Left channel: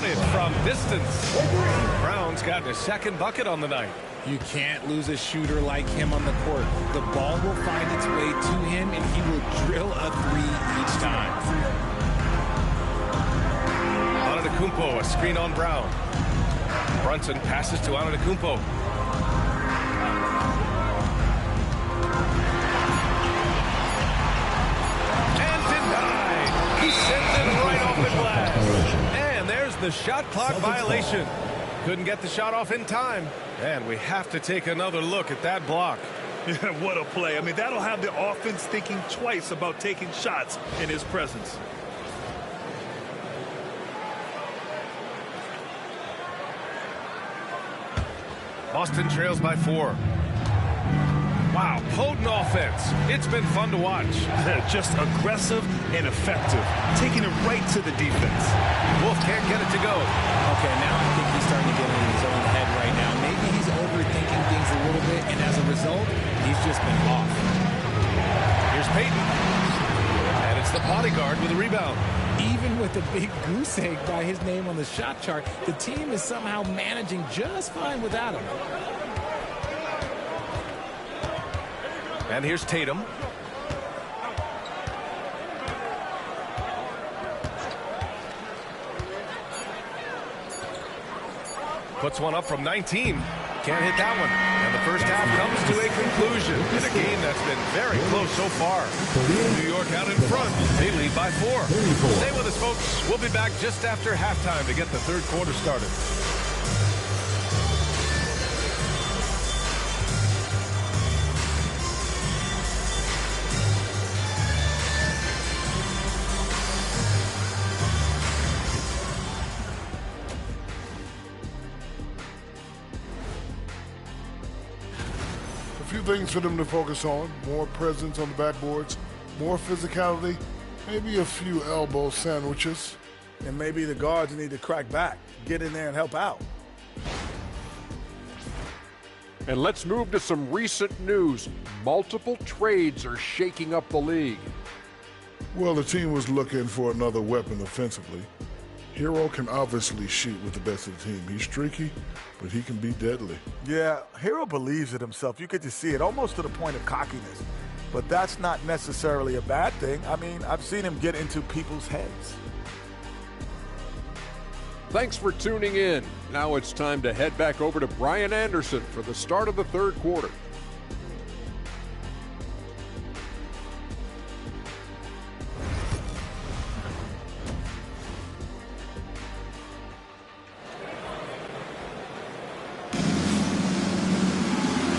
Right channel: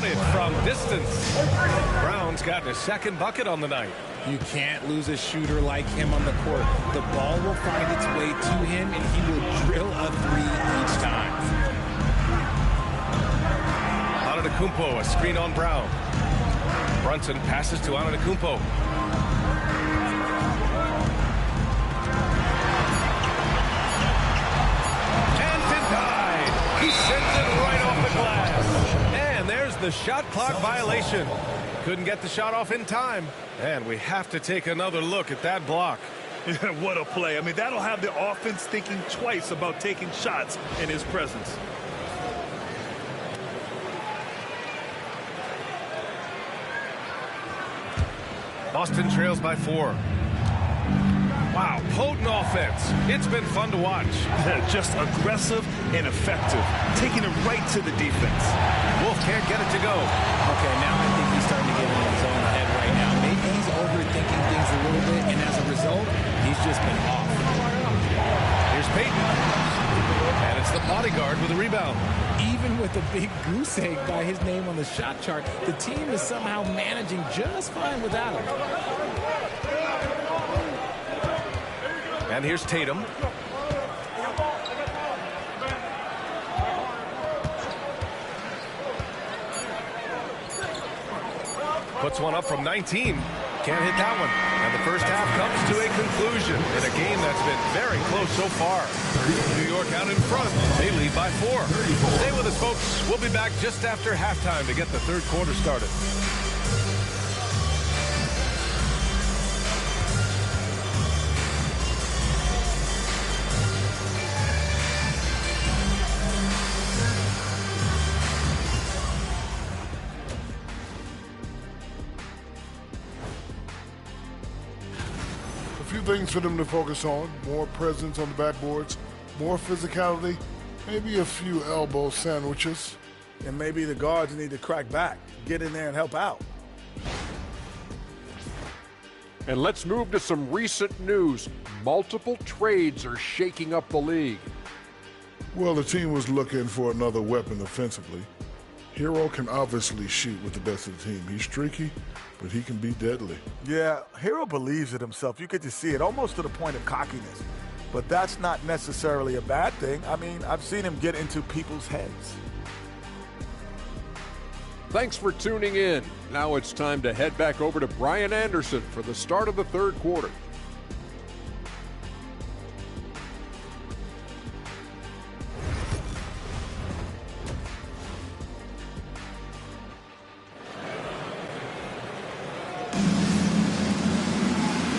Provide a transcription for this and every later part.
Counted from distance. Brown's gotten his second bucket on the night. You can't lose a shooter like him on the court. The ball will find its way to him, and he will drill a three each time. Antetokounmpo, a screen on Brown. Brunson passes to Antetokounmpo. And denied. He sends it right off the glass. And there's the shot clock violation. Couldn't get the shot off in time. And we have to take another look at that block. Yeah, what a play. I mean, that'll have the offense thinking twice about taking shots in his presence. Boston trails by 4. Wow, potent offense. It's been fun to watch. Just aggressive and effective, taking it right to the defense. Wolf can't get it to go. Okay, now I think he's starting to get in his own head right now. Maybe he's overthinking things a little bit, and as a result, he's just been off. Here's Payton. And it's the bodyguard with a rebound. Even with a big goose egg by his name on the shot chart, the team is somehow managing just fine without him. And here's Tatum. Puts one up from 19. Can't hit that one. And the first half comes to a conclusion in a game that's been very close so far. New York out in front. They lead by 4. Stay with us, folks. We'll be back just after halftime to get the third quarter started. A few things for them to focus on: more presence on the backboards, more physicality, maybe a few elbow sandwiches. And maybe the guards need to crack back, get in there and help out. And let's move to some recent news. Multiple trades are shaking up the league. Well, the team was looking for another weapon offensively. Hero can obviously shoot with the best of the team. He's streaky, but he can be deadly. Yeah, Hero believes in himself. You get to see it almost to the point of cockiness. But that's not necessarily a bad thing. I mean, I've seen him get into people's heads. Thanks for tuning in. Now it's time to head back over to Brian Anderson for the start of the third quarter.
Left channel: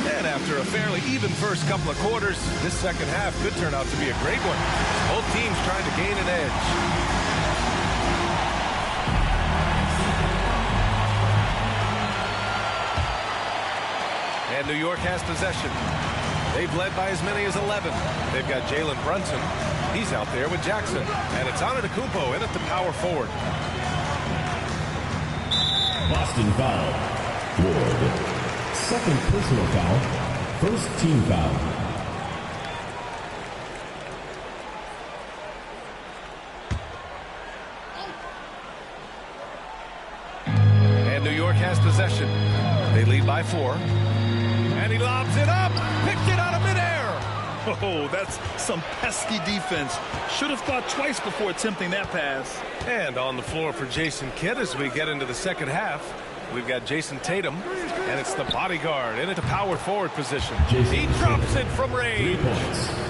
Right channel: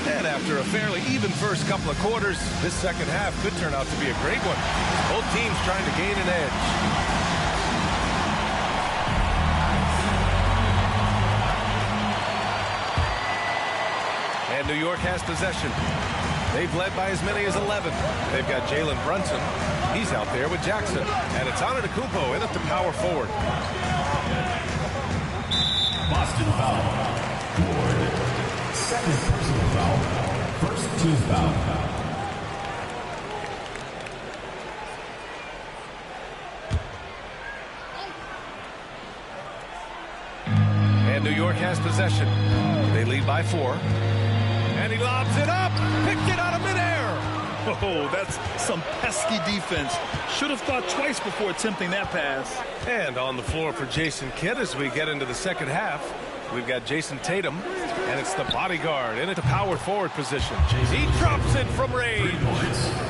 And after a fairly even first couple of quarters, this second half could turn out to be a great one, as both teams trying to gain an edge. And New York has possession. They've led by as many as 11. They've got Jalen Brunson. He's out there with Jackson. And it's Antetokounmpo in at the power forward. Boston foul. Ward. Second personal foul. First team foul. And New York has possession. They lead by 4. And he lobs it up. Picked it out of midair. Oh, that's some pesky defense. Should have thought twice before attempting that pass. And on the floor for Jason Kidd as we get into the second half, we've got Jason Tatum, and it's the bodyguard in at the power forward position. He drops it from range.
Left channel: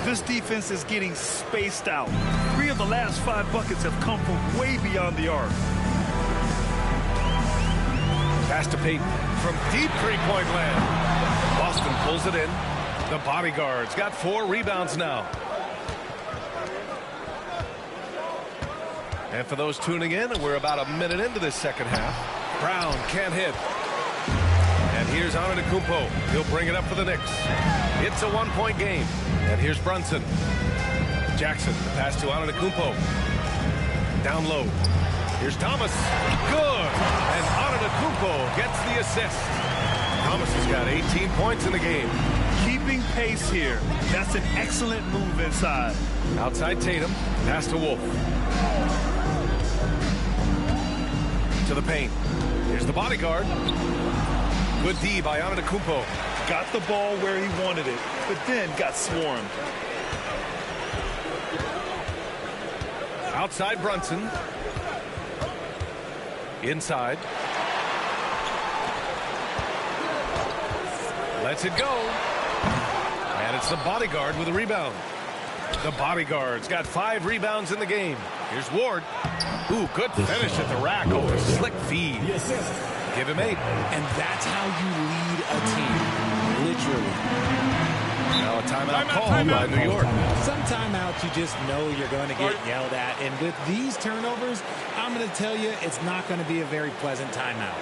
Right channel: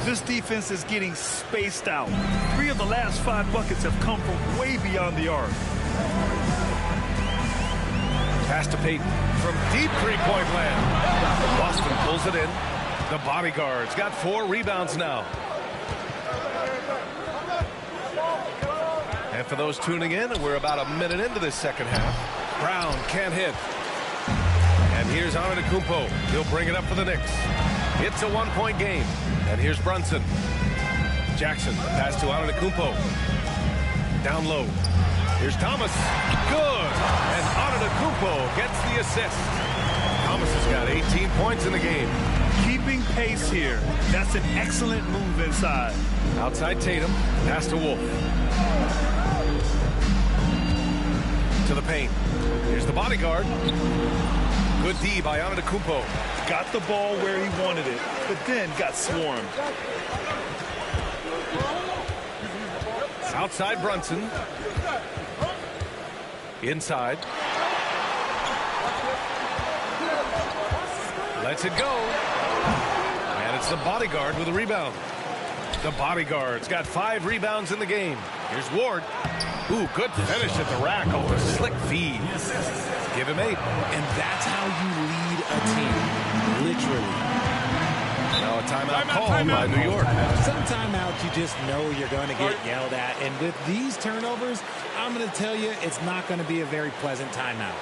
This defense is getting spaced out. 3 of the last 5 buckets have come from way beyond the arc. Pass to Payton from deep three-point land. Boston pulls it in. The bodyguard's got 4 rebounds now. And for those tuning in, we're about a minute into this second half. Brown can't hit. And here's Antetokounmpo. He'll bring it up for the Knicks. It's a 1-point game. And here's Brunson. Jackson, the pass to Antetokounmpo. Down low. Here's Thomas. Good. And Antetokounmpo gets the assist. Thomas has got 18 points in the game. Keeping pace here. That's an excellent move inside. Outside Tatum. Pass to Wolf. To to the paint. Here's the bodyguard. Good D by Antetokounmpo. Got the ball where he wanted it, but then got swarmed. Outside Brunson. Inside. Lets it go. And it's the bodyguard with a rebound. The bodyguard's got 5 rebounds in the game. Here's Ward. Ooh, good finish at the rack off a slick feed. Give him 8. And that's how you lead a team, literally. Now a timeout called by New York. Some timeouts you just know you're going to get yelled at. And with these turnovers, I'm going to tell you it's not going to be a very pleasant timeout.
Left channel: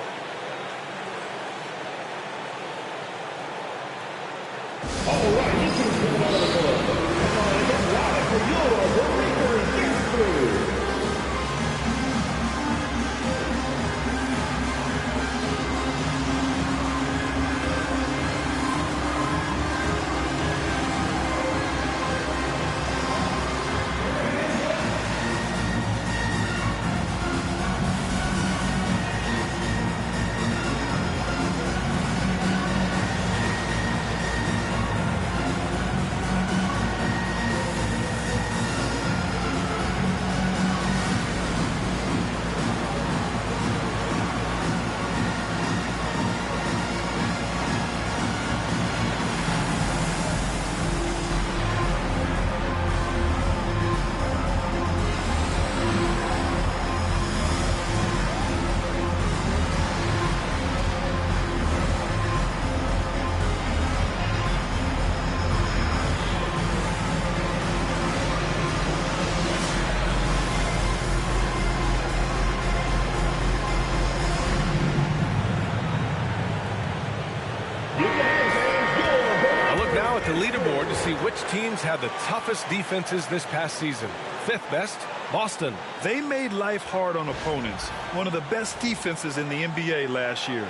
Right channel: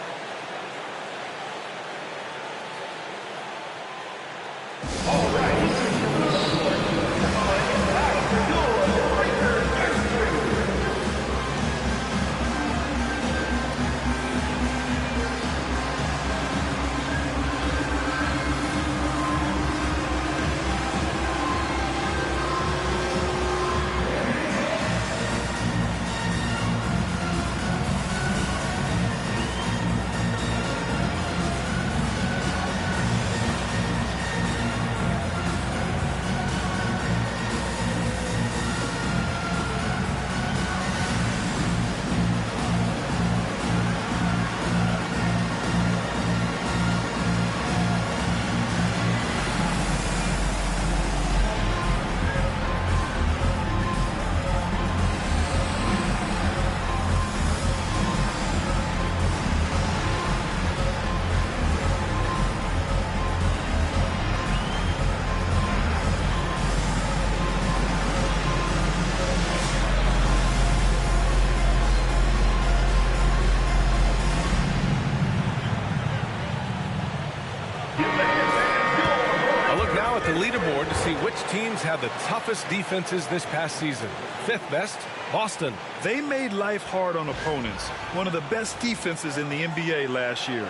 Now at the leaderboard to see which teams had the toughest defenses this past season. 5th best, Boston. They made life hard on opponents. One of the best defenses in the NBA last year.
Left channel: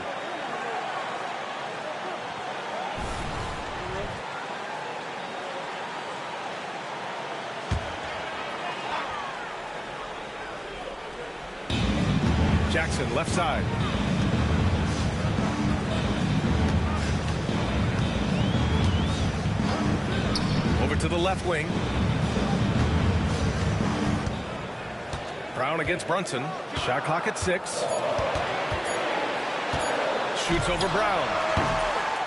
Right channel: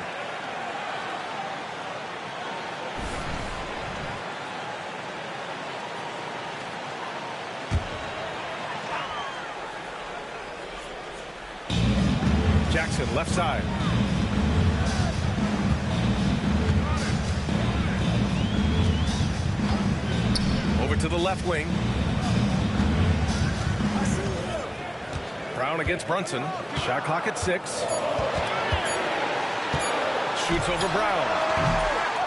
Jackson, left side. Over to the left wing. Brown against Brunson. Shot clock at 6. Shoots over Brown.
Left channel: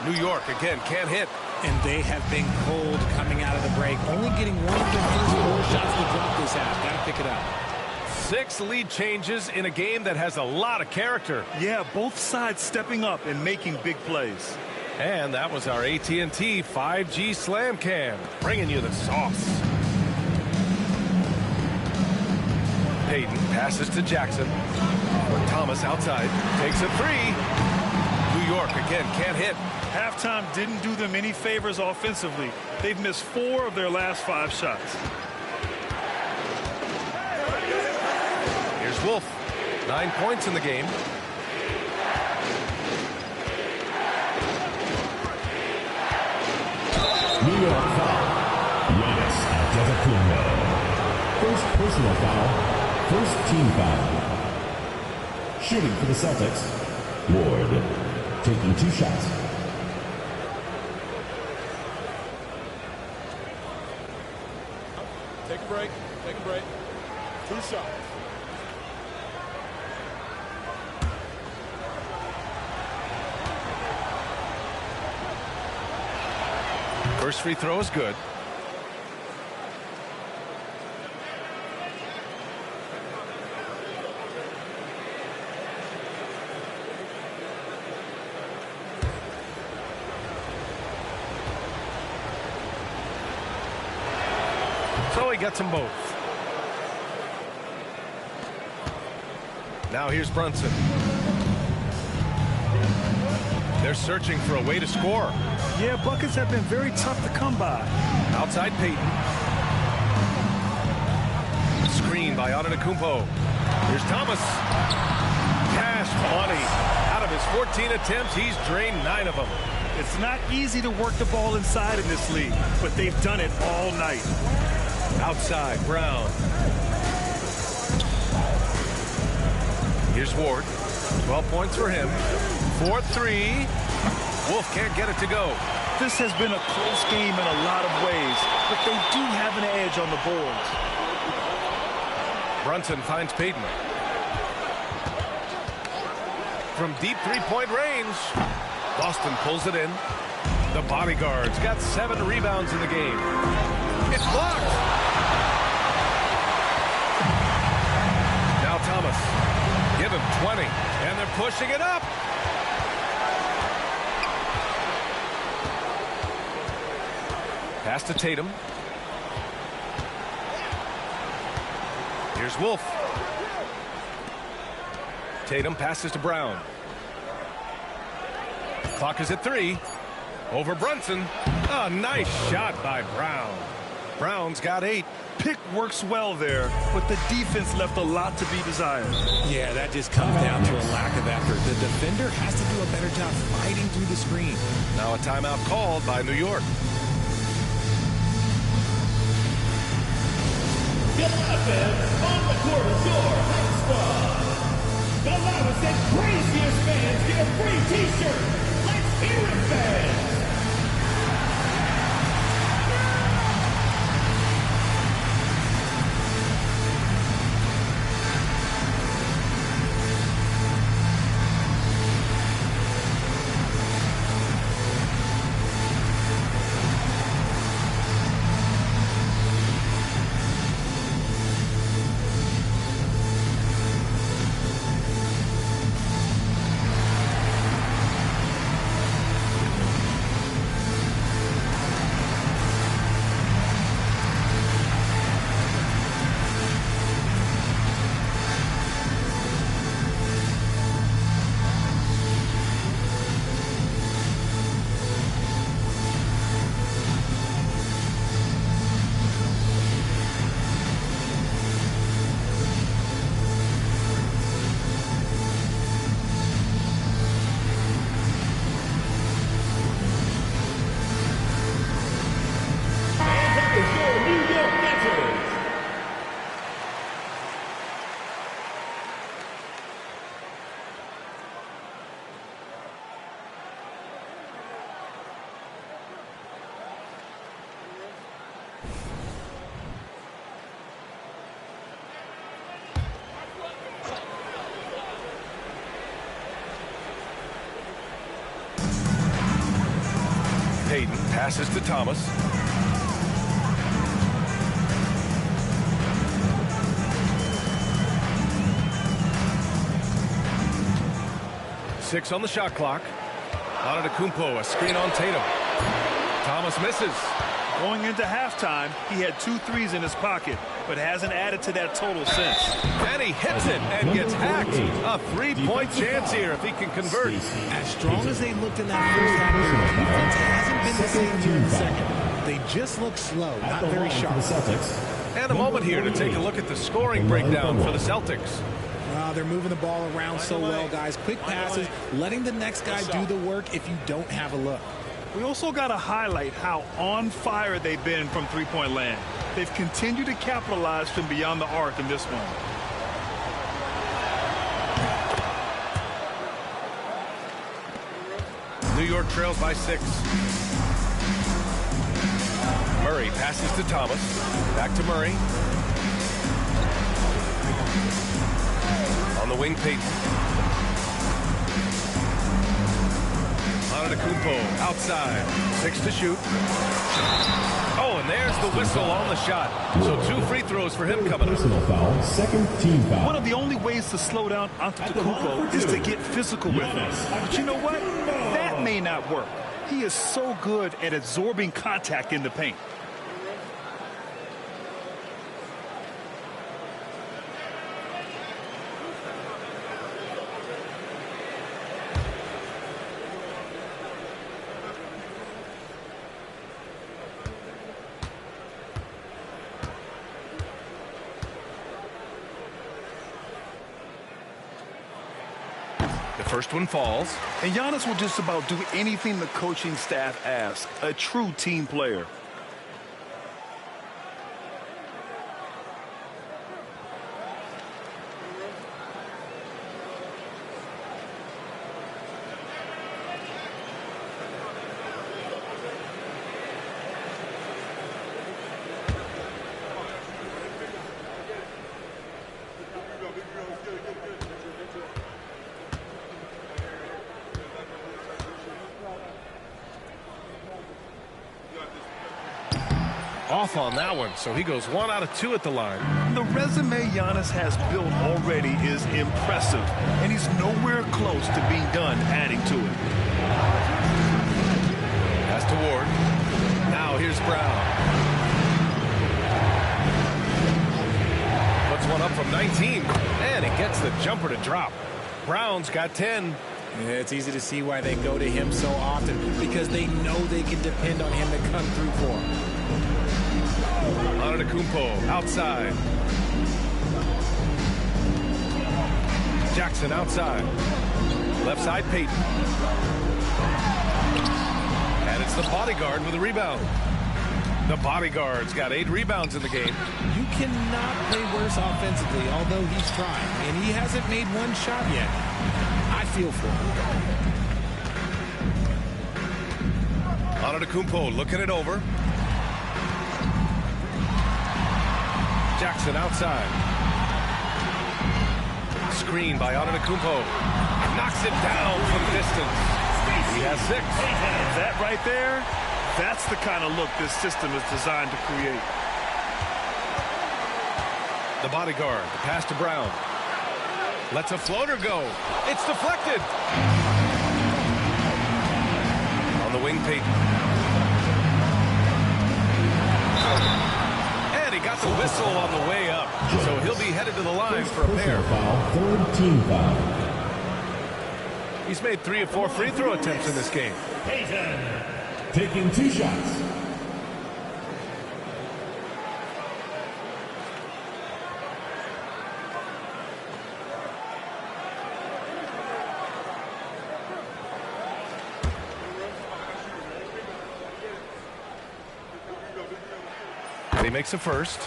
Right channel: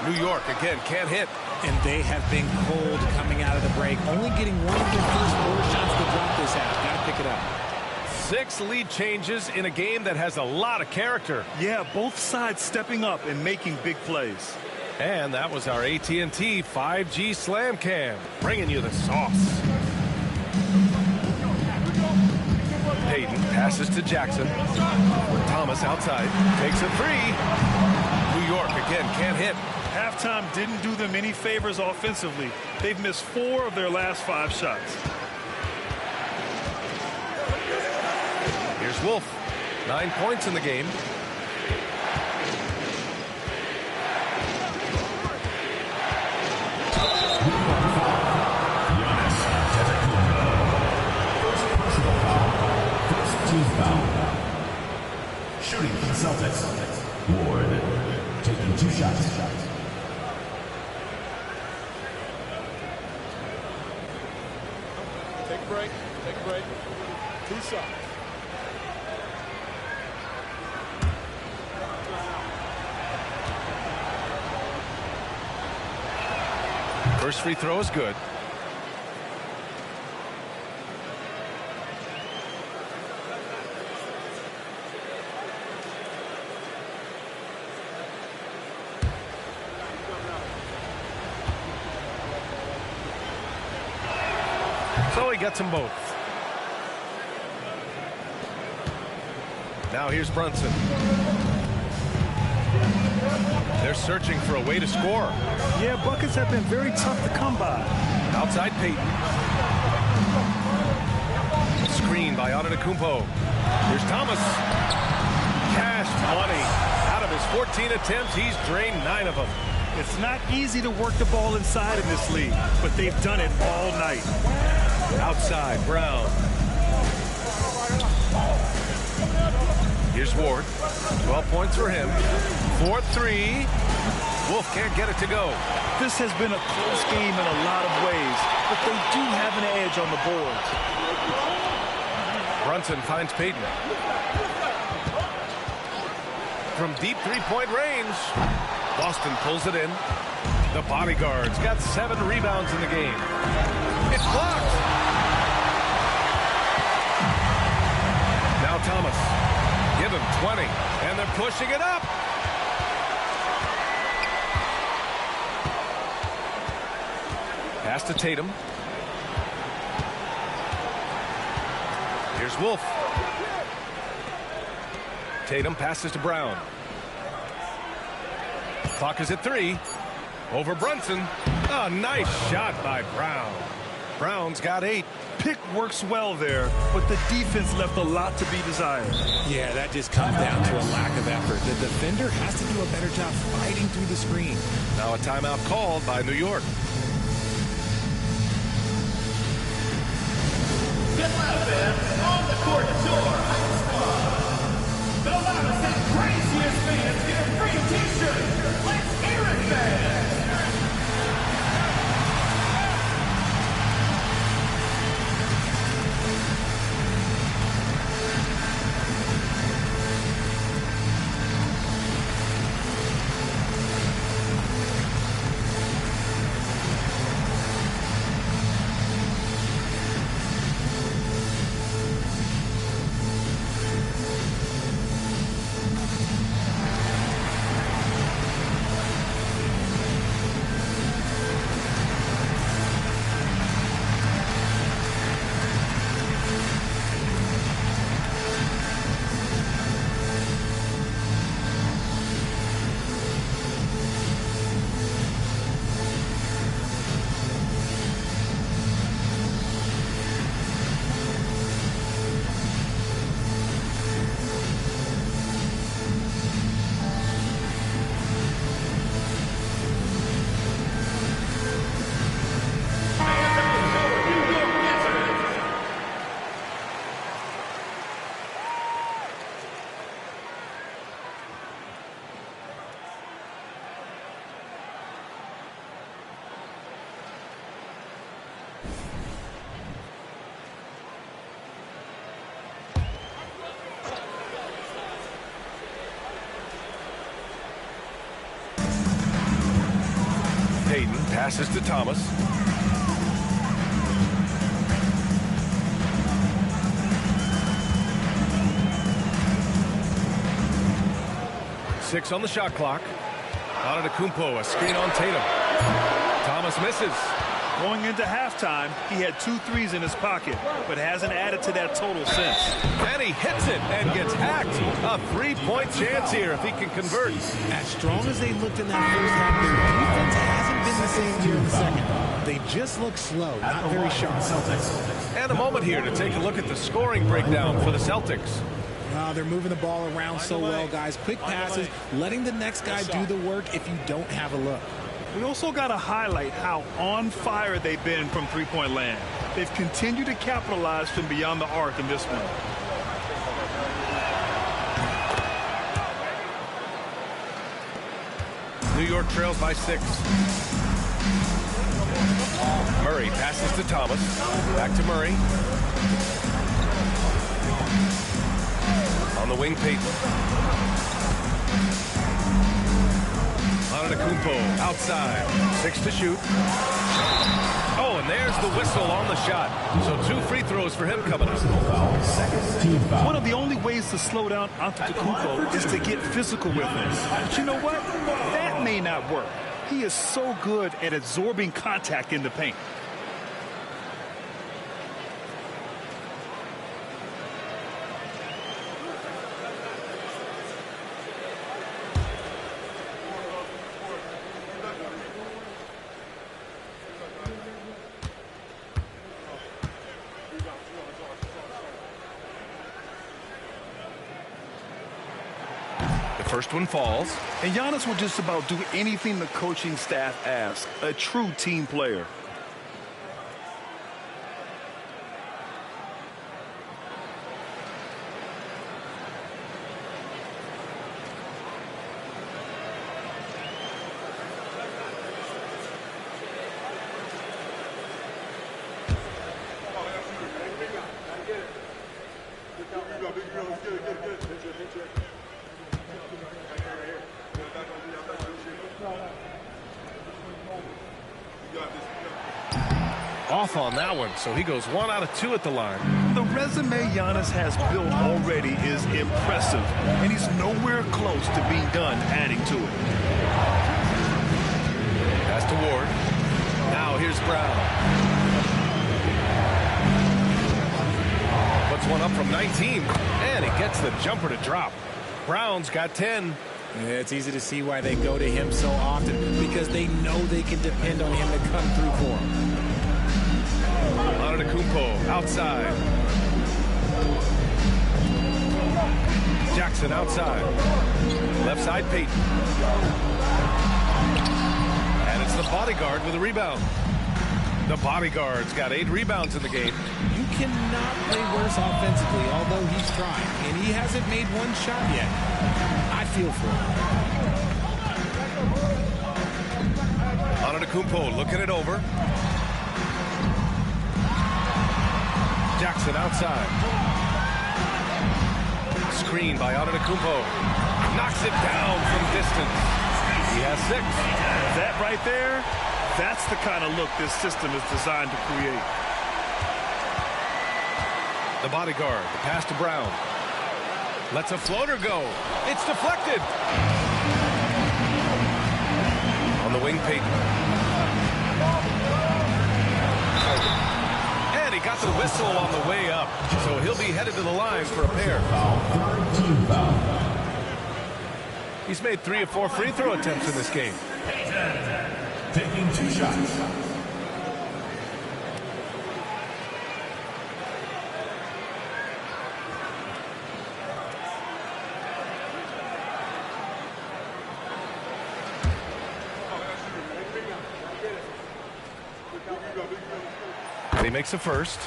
New York again can't hit. And they have been cold coming out of the break. Only getting one of their first 4 shots to drop this half. Got to pick it up. 6 lead changes in a game that has a lot of character. Yeah, both sides stepping up and making big plays. And that was our AT&T 5G Slam Cam, bringing you the sauce. Payton passes to Jackson. Thomas outside, takes a 3. New York again can't hit. Halftime didn't do them any favors offensively. They've missed 4 of their last 5 shots. Here's Wolf. 9 points in the game. New York foul. Giannis Antetokounmpo. First personal foul. First team foul. Shooting for the Celtics. Ward taking 2 shots. Take a break. Take a break. 2 shots. First free throw is good. So he gets them both. Now here's Brunson. They're searching for a way to score. Yeah, buckets have been very tough to come by. Outside Payton. Screen by Antetokounmpo. Here's Thomas. Cash money. Out of his 14 attempts, he's drained 9 of them. It's not easy to work the ball inside in this league, but they've done it all night. Outside, Brown. Here's Ward. 12 points for him. 4-3. Wolf can't get it to go. This has been a close game in a lot of ways, but they do have an edge on the boards. Brunson finds Payton. From deep three-point range, Boston pulls it in. The Bodyguards got 7 rebounds in the game. It's blocked. Now Thomas. Give him 20, and they're pushing it up. Pass to Tatum. Here's Wolf. Tatum passes to Brown. Clock is at 3. Over Brunson. A nice shot by Brown. Brown's got 8. Pick works well there, but the defense left a lot to be desired. Yeah, that just comes down to a lack of effort. The defender has to do a better job fighting through the screen. Now a timeout called by New York. On the court is your Hype Squad. The loudest and craziest fans get a free t-shirt. Let's hear it, fans. Payton passes to Thomas. Six on the shot clock. Antetokounmpo, a screen on Tatum. Thomas misses. Going into halftime, he had 2 threes in his pocket, but hasn't added to that total since. And he hits it and gets hacked. A 3-point chance here if he can convert. As strong as they looked in that first half, their defense hasn't been the same here in the second. They just look slow, not very sharp. And a moment here to take a look at the scoring breakdown for the Celtics. They're moving the ball around so well, guys. Quick passes, letting the next guy do the work if you don't have a look. We also got to highlight how on fire they've been from three-point land. They've continued to capitalize from beyond the arc in this one. New York trails by 6. Murray passes to Thomas. Back to Murray. On the wing, Payton. Antetokounmpo outside. 6 to shoot. Oh, and there's the whistle on the shot. So 2 free throws for him coming up. Personal foul, second team foul. One of the only ways to slow down Antetokounmpo is to get physical with him. But you know what? That may not work. He is so good at absorbing contact in the paint. The first one falls. And Giannis will just about do anything the coaching staff asks. A true team player. off on that one, so he goes 1 out of 2 at the line. The resume Giannis has built already is impressive, and he's nowhere close to being done adding to it. Pass to Ward. Now here's Brown. Puts one up from 19, and he gets the jumper to drop. Brown's got 10. Yeah, it's easy to see why they go to him so often, because they know they can depend on him to come through for them. Antetokounmpo outside. Jackson outside. Left side, Payton. And it's the bodyguard with a rebound. The bodyguard's got 8 rebounds in the game. You cannot play worse offensively, although he's trying, and he hasn't made one shot yet. I feel for him. Antetokounmpo looking it over. Jackson outside. Screen by Antetokounmpo. Knocks it down from distance. He has 6. That right there, that's the kind of look this system is designed to create. The bodyguard, the pass to Brown. Lets a floater go. It's deflected. On the wing, Payton. And he got the whistle on the way up. So he'll be headed to the line for a pair. Foul, third team foul. He's made 3 of 4 free throw attempts in this game. Taking 2 shots. And he makes a first.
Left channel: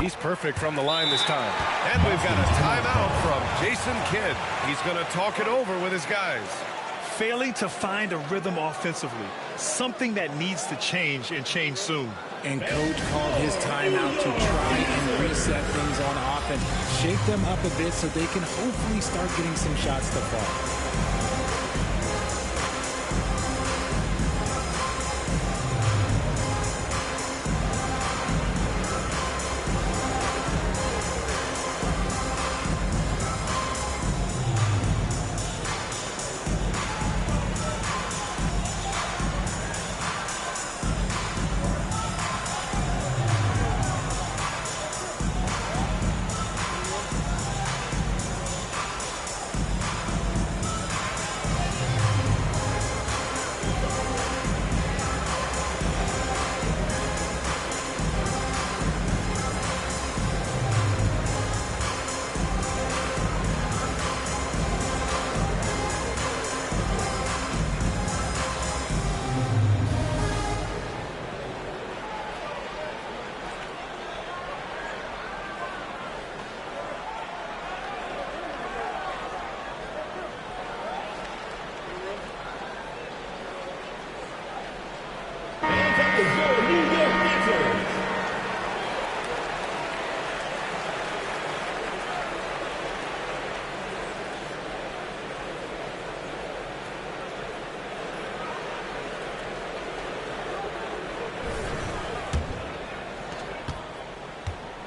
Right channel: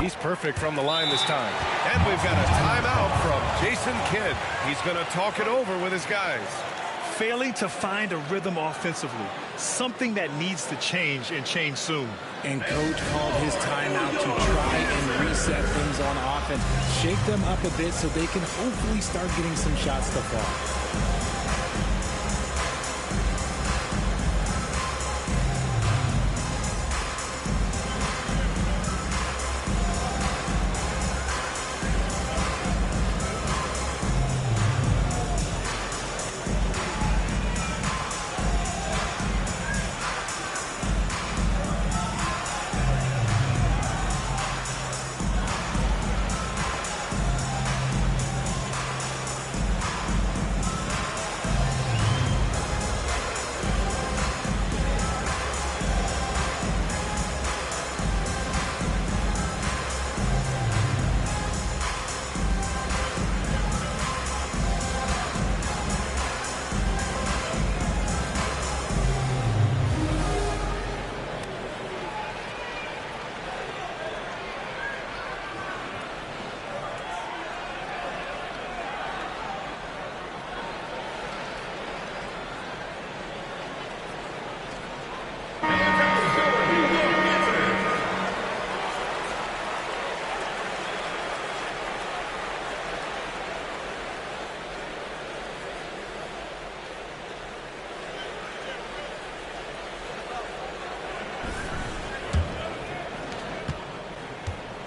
He's perfect from the line this time. And we've got a timeout from Jason Kidd. He's going to talk it over with his guys. Failing to find a rhythm offensively, something that needs to change and change soon. And coach called his timeout to try and reset things on offense, shake them up a bit so they can hopefully start getting some shots to fall.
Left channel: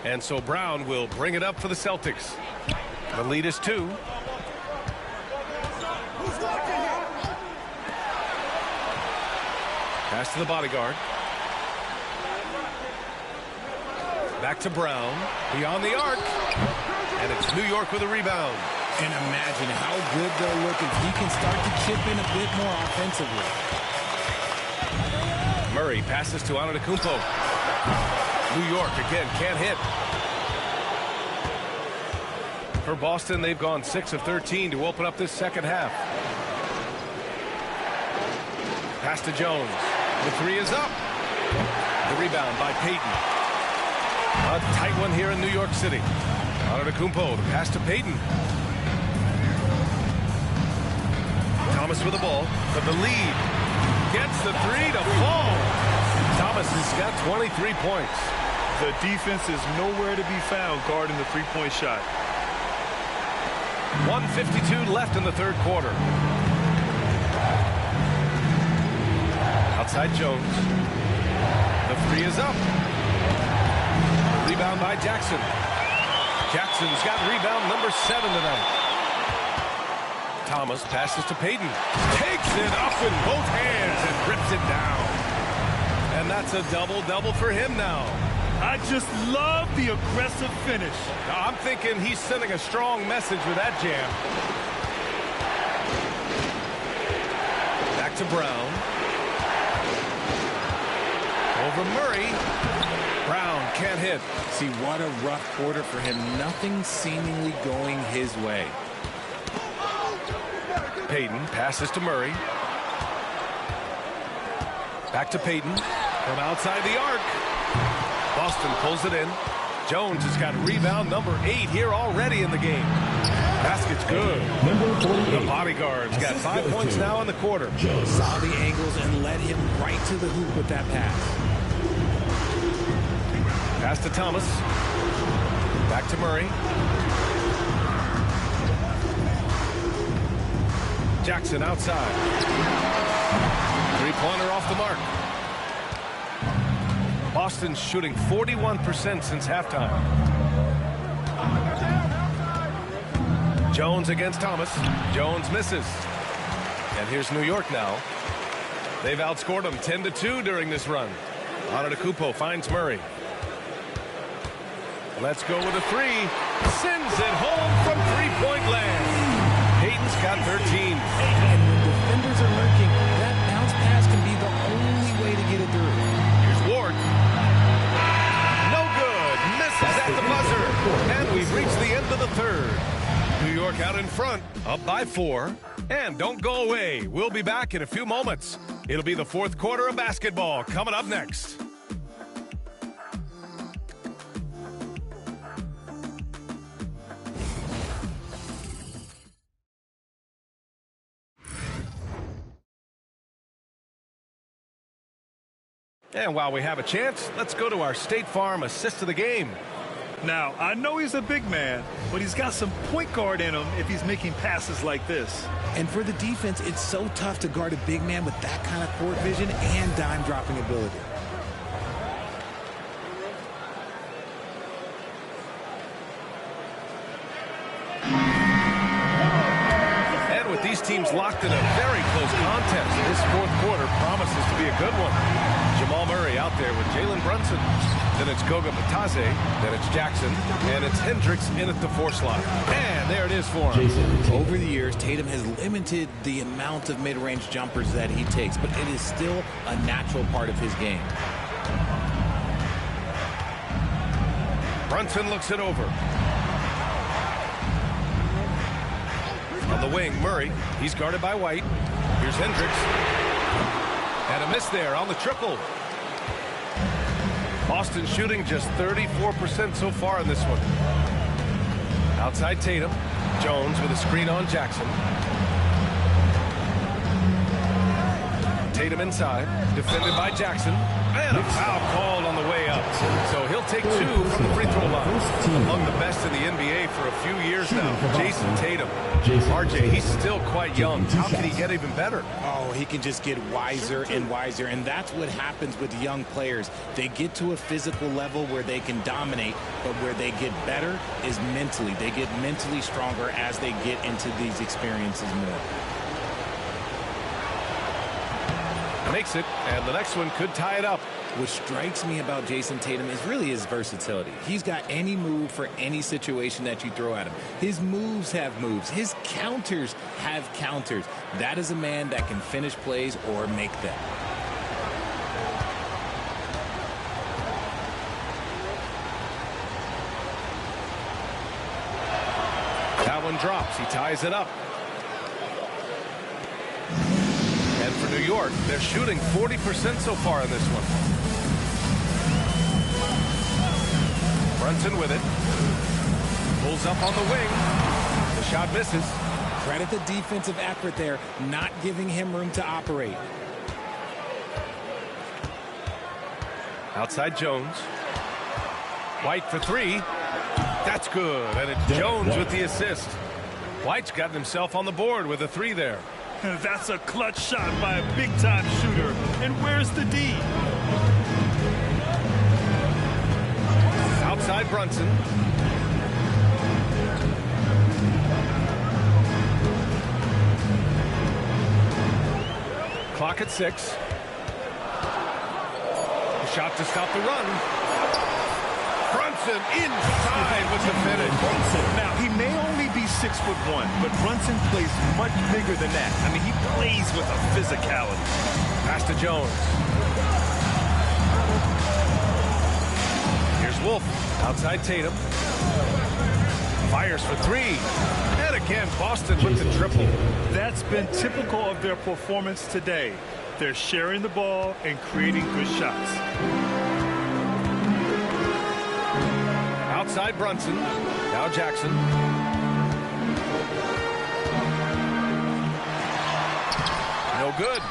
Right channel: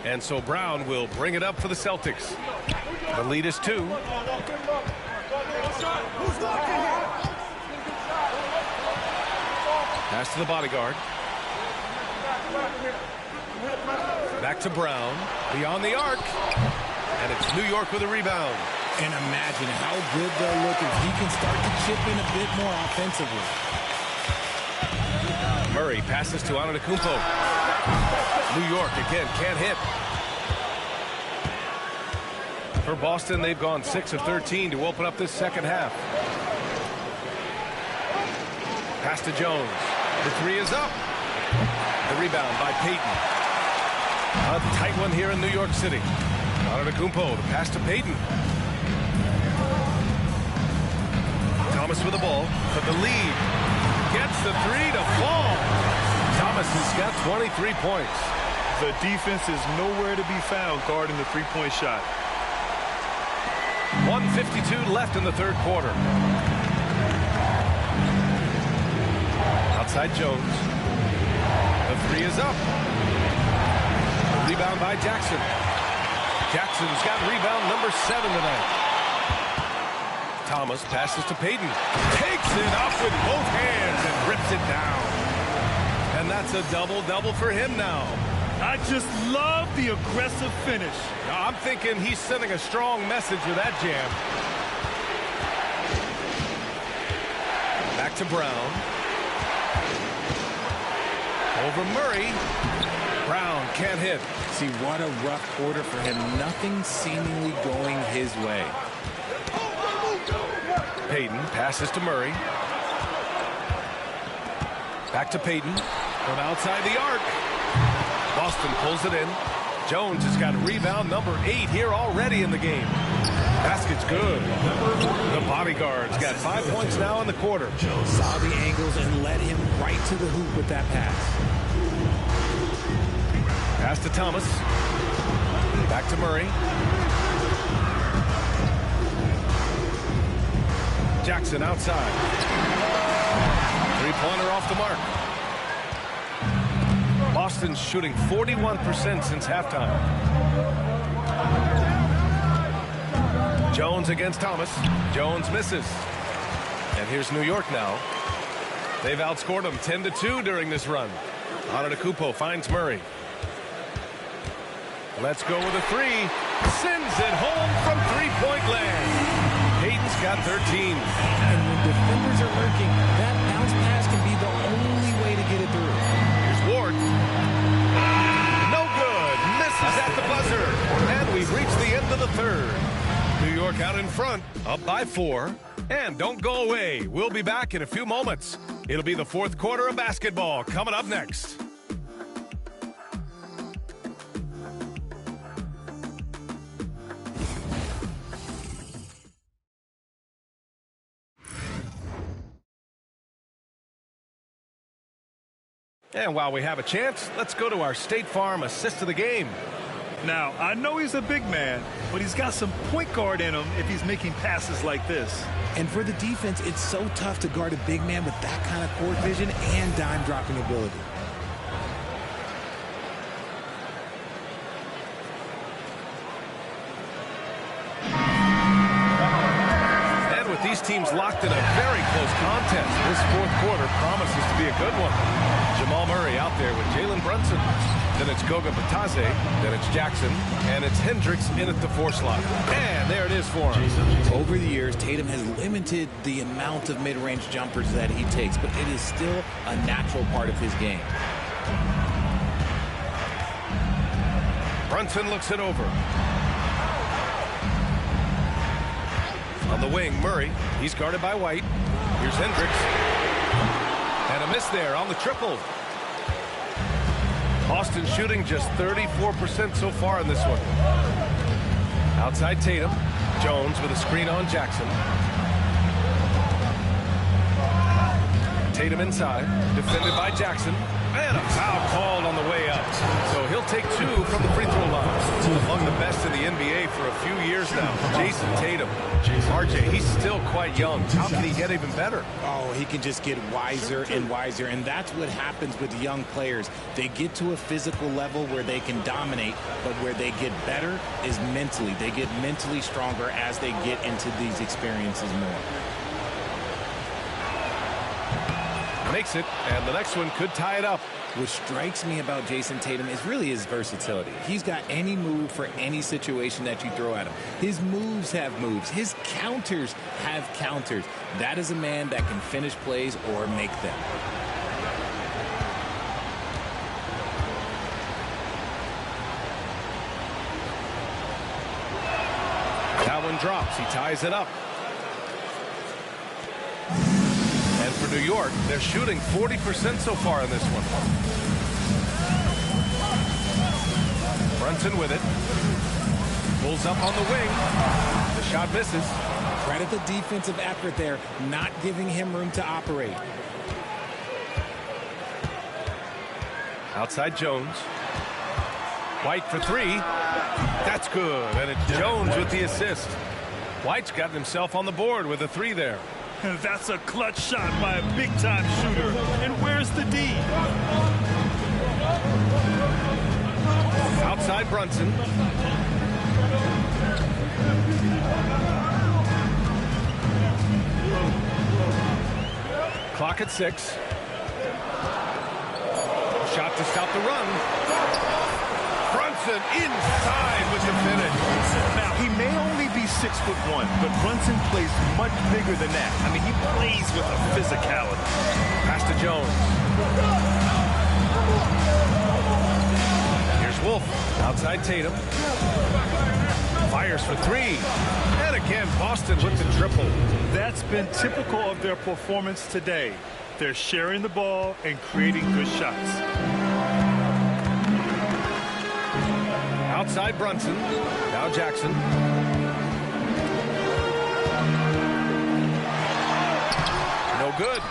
And so Brown will bring it up for the Celtics. The lead is 2. Pass to the bodyguard. Back to Brown. Beyond the arc. And it's New York with a rebound. And imagine how good they'll look if he can start to chip in a bit more offensively. Murray passes to Antetokounmpo. New York again can't hit. For Boston, they've gone 6 of 13 to open up this second half. Pass to Jones. The 3 is up. The rebound by Payton. A tight one here in New York City. Antetokounmpo, the pass to Payton. Thomas with the ball, but the lead gets the 3 to fall. Thomas has got 23 points. The defense is nowhere to be found guarding the three-point shot. 1:52 left in the third quarter. Outside Jones. The three is up. The rebound by Jackson. Jackson's got rebound number 7 tonight. Thomas passes to Payton. Takes it up with both hands and rips it down. And that's a double-double for him now. I just love the aggressive finish. I'm thinking he's sending a strong message with that jam. Back to Brown. Over Murray. Brown can't hit. See, what a rough quarter for him. Nothing seemingly going his way. Payton passes to Murray. Back to Payton. From outside the arc. Boston pulls it in. Jones has got rebound number 8 here already in the game. Basket's good. The bodyguard's got 5 points now in the quarter. Saw the angles and led him right to the hoop with that pass. Pass to Thomas. Back to Murray. Jackson outside. Three-pointer off the mark. Boston's shooting 41% since halftime. Jones against Thomas. Jones misses. And here's New York now. They've outscored them 10-2 during this run. Antetokounmpo finds Murray. Let's go with a three. Sends it home from three-point land. Payton's got 13. And when defenders are lurking, that bounce pass can be the only way to get it through. Here's Ward. No good. Misses at the buzzer. And we've reached the end of the third. New York out in front, up by 4. And don't go away. We'll be back in a few moments. It'll be the fourth quarter of basketball coming up next. And while we have a chance, let's go to our State Farm assist of the game. Now, I know he's a big man, but he's got some point guard in him if he's making passes like this. And for the defense, it's so tough to guard a big man with that kind of court vision and dime dropping ability. And with these teams locked in a very close contest, this fourth quarter promises to be a good one. Jamal Murray out there with Jalen Brunson. Then it's Goga Batadze. Then it's Jackson. And it's Hendricks in at the 4 slot. And there it is for him. Over the years, Tatum has limited the amount of mid-range jumpers that he takes, but it is still a natural part of his game. Brunson looks it over. On the wing, Murray. He's guarded by White. Here's Hendricks. And a miss there on the triple. Boston shooting just 34% so far in this one. Outside Tatum. Jones with a screen on Jackson. Tatum inside. Defended by Jackson. And a foul called on the way up. So he'll take 2 from the free throw line. Among the best in the NBA for a few years now. Jason Tatum. RJ, he's still quite young. How can he get even better? Oh, he can just get wiser and wiser. And that's what happens with young players. They get to a physical level where they can dominate, but where they get better is mentally. They get mentally stronger as they get into these experiences more. Makes it, and the next one could tie it up. What strikes me about Jason Tatum is really his versatility. He's got any move for any situation that you throw at him. His moves have moves. His counters have counters. That is a man that can finish plays or make them. That one drops. He ties it up. And for New York, they're shooting 40% so far in this one. Brunson with it. Pulls up on the wing. The shot misses. Credit the defensive effort there, not giving him room to operate. Outside Jones. White for three. That's good, and it's Jones with the assist. White's gotten himself on the board with a three there. That's a clutch shot by a big-time shooter. And where's the D? Outside Brunson. Clock at 6. Shot to stop the run. Brunson inside with the finish. Now, he may only be 6'1", but Brunson plays much bigger than that. I mean, he plays with a physicality. Pass to Jones. Here's Wolf. Outside Tatum. Fires for three. And again, Boston with the triple. That's been typical of their performance today. They're sharing the ball and creating good shots. Outside Brunson. Now Jackson. No good.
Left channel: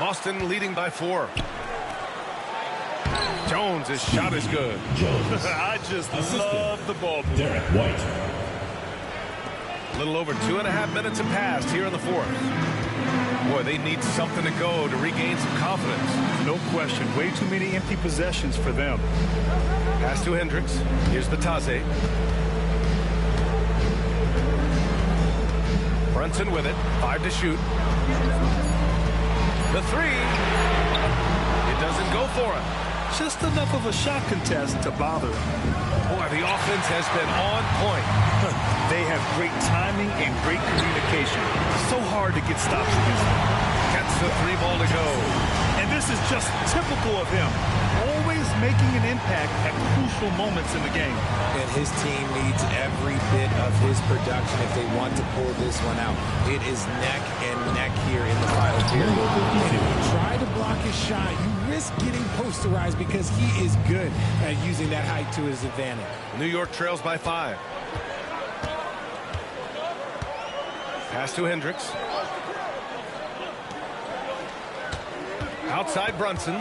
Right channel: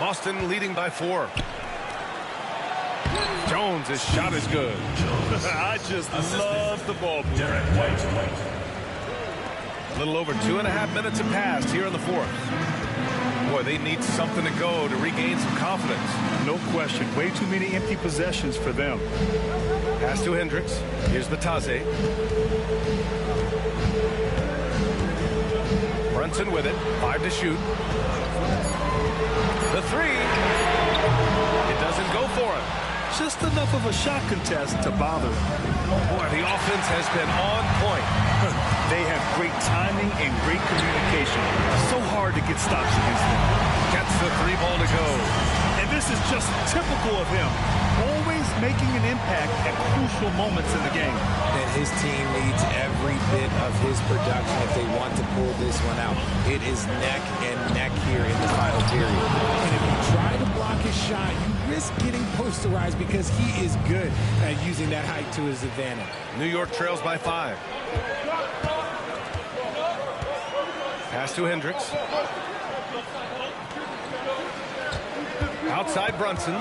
Boston leading by 4. Jones, his shot is good. I just love the ball movement. Derek White. A little over 2.5 minutes have passed here in the 4th. Boy, they need something to go to regain some confidence. No question. Way too many empty possessions for them. Pass to Hendricks. Here's Batase. Brunson with it. 5 to shoot. The three. It doesn't go for him. Just enough of a shot contest to bother him. Boy, the offense has been on point. They have great timing and great communication. So hard to get stops against them. Gets the 3 ball to go. And this is just typical of him. Always making an impact at crucial moments in the game. And his team needs every bit of his production if they want to pull this one out. It is neck and neck here in the final period. And if you try to block his shot, you risk getting posterized because he is good at using that height to his advantage. New York trails by 5. Pass to Hendricks. Outside Brunson.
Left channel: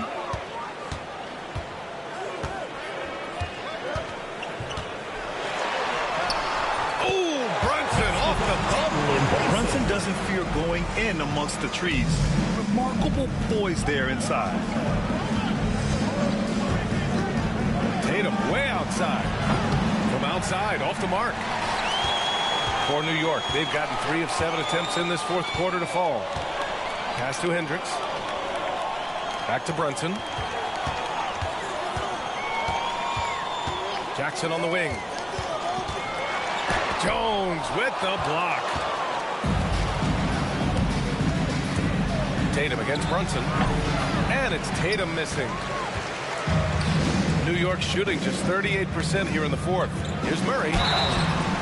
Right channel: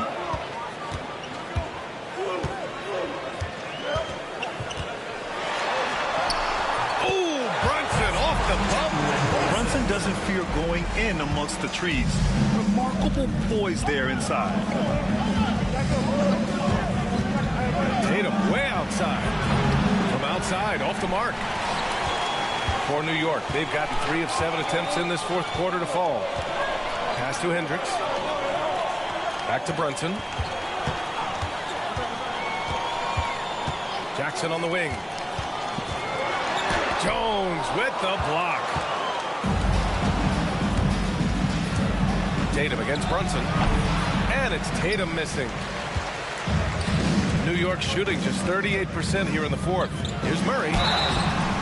Oh, Brunson off the bump. Brunson doesn't fear going in amongst the trees. Remarkable poise there inside. Tatum way outside. From outside, off the mark. For New York, they've gotten 3 of 7 attempts in this 4th quarter to fall. Pass to Hendricks. Back to Brunson. Jackson on the wing. Jones with the block. Tatum against Brunson. And it's Tatum missing. New York shooting just 38% here in the 4th. Here's Murray.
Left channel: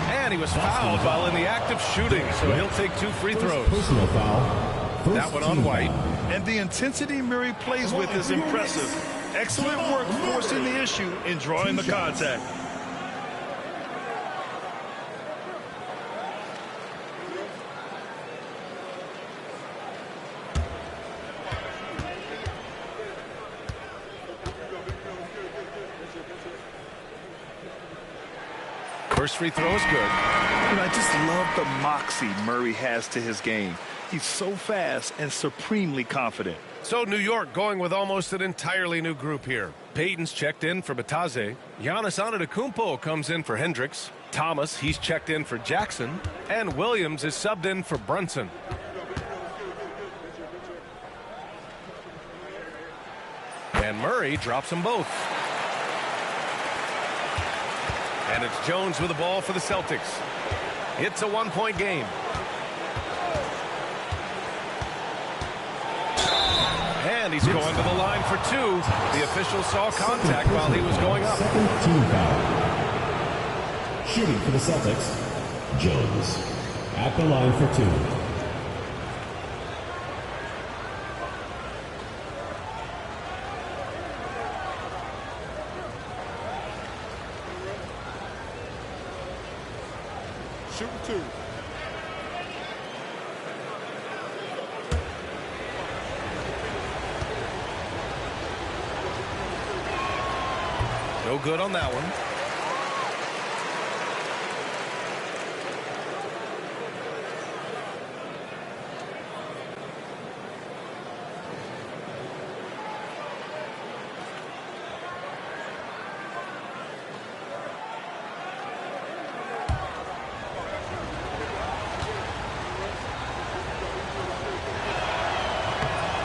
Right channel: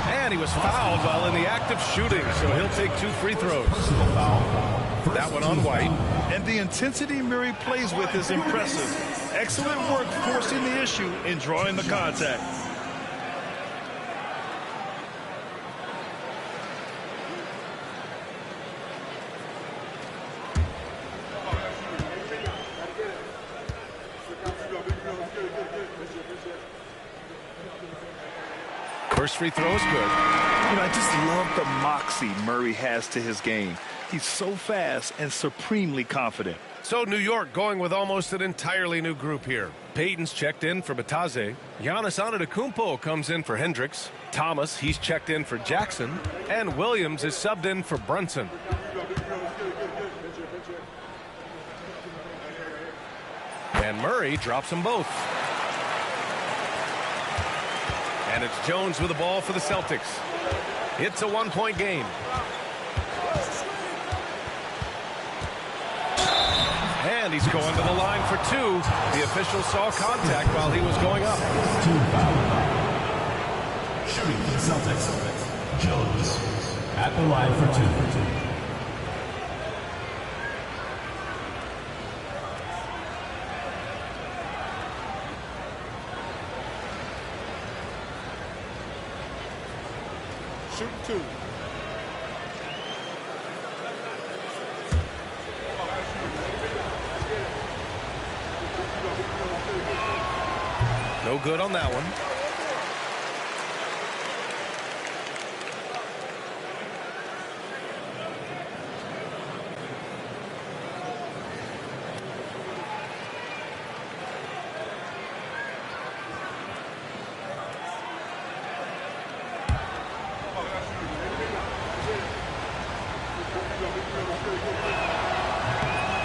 And he was fouled while in the act of shooting, so he'll take 2 free throws. Personal foul. That one on White. And the intensity Murray plays with is impressive. Excellent work forcing the issue and drawing the contact. First free throw is good. You know, I just love the moxie Murray has to his game. He's so fast and supremely confident. So New York going with almost an entirely new group here. Payton's checked in for Batase. Giannis Antetokounmpo comes in for Hendricks. Thomas, he's checked in for Jackson. And Williams is subbed in for Brunson. And Murray drops them both. And it's Jones with the ball for the Celtics. It's a 1-point game. And he's going to the line for 2. The official saw contact while he was going up. Second team foul. Shooting for the Celtics, Jones. At the line for 2. Shooting 2. No good on that one.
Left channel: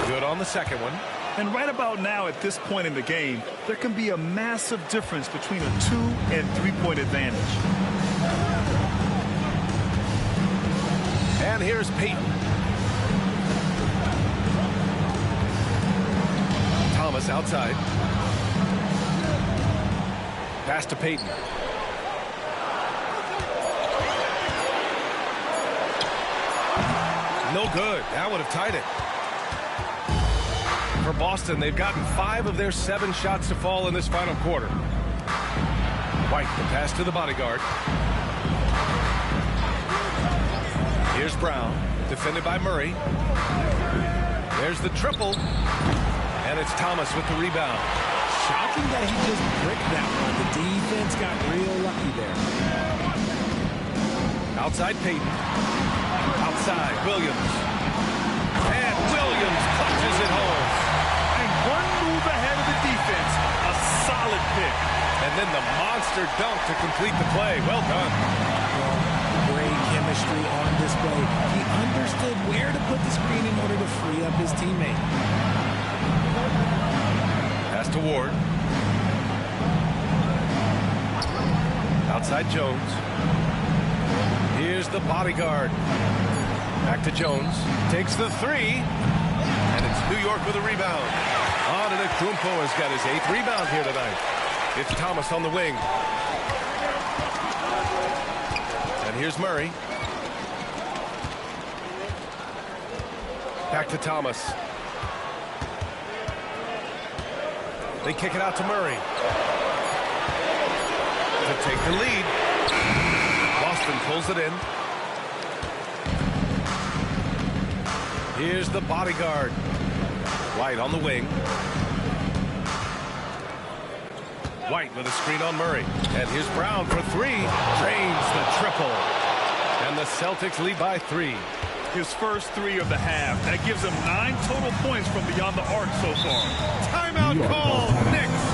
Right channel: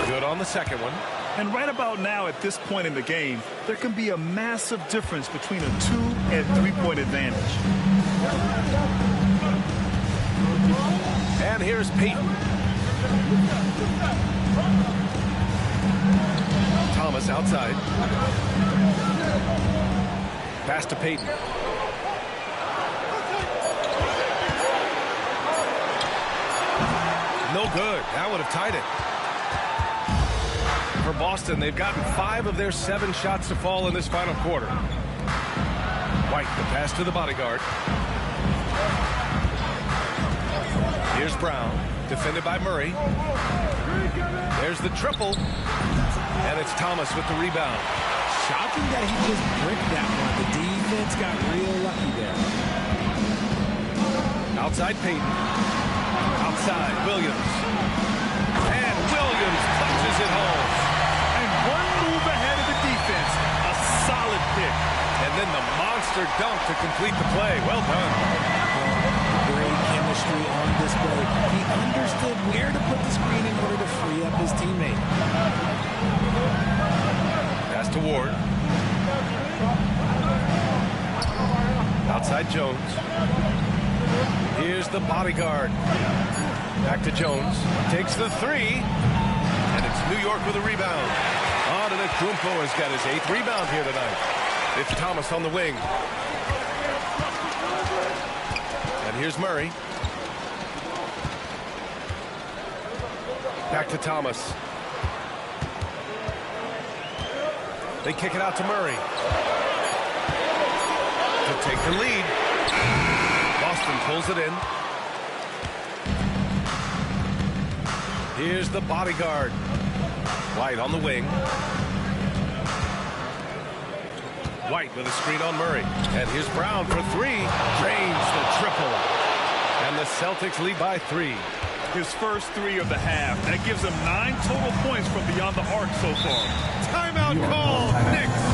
Good on the second one. And right about now, at this point in the game, there can be a massive difference between a 2- and 3-point advantage. And here's Peyton. Thomas outside. Pass to Peyton. No good. That would have tied it. For Boston, they've gotten 5 of their 7 shots to fall in this final quarter. White, the pass to the bodyguard. Here's Brown, defended by Murray. There's the triple. And it's Thomas with the rebound. Shocking that he just bricked that one. The defense got real lucky there. Outside Peyton. Outside Williams. And Williams punches it home. And one move ahead of the defense. A solid pick. And then the monster dunk to complete the play. Well done. Great chemistry on display. He understood where to put the screen in order to free up his teammate. Pass to Ward. Outside Jones. Here's the bodyguard. Back to Jones. Takes the 3. And it's New York with a rebound. Antetokounmpo has got his 8th rebound here tonight. It's Thomas on the wing. And here's Murray. Back to Thomas. They kick it out to Murray. To take the lead. Boston pulls it in. Here's the bodyguard. White on the wing. White with a screen on Murray. And here's Brown for 3. Drains the triple. And the Celtics lead by 3. His first 3 of the half. That gives him 9 total points from beyond the arc so far. Timeout call. Knicks.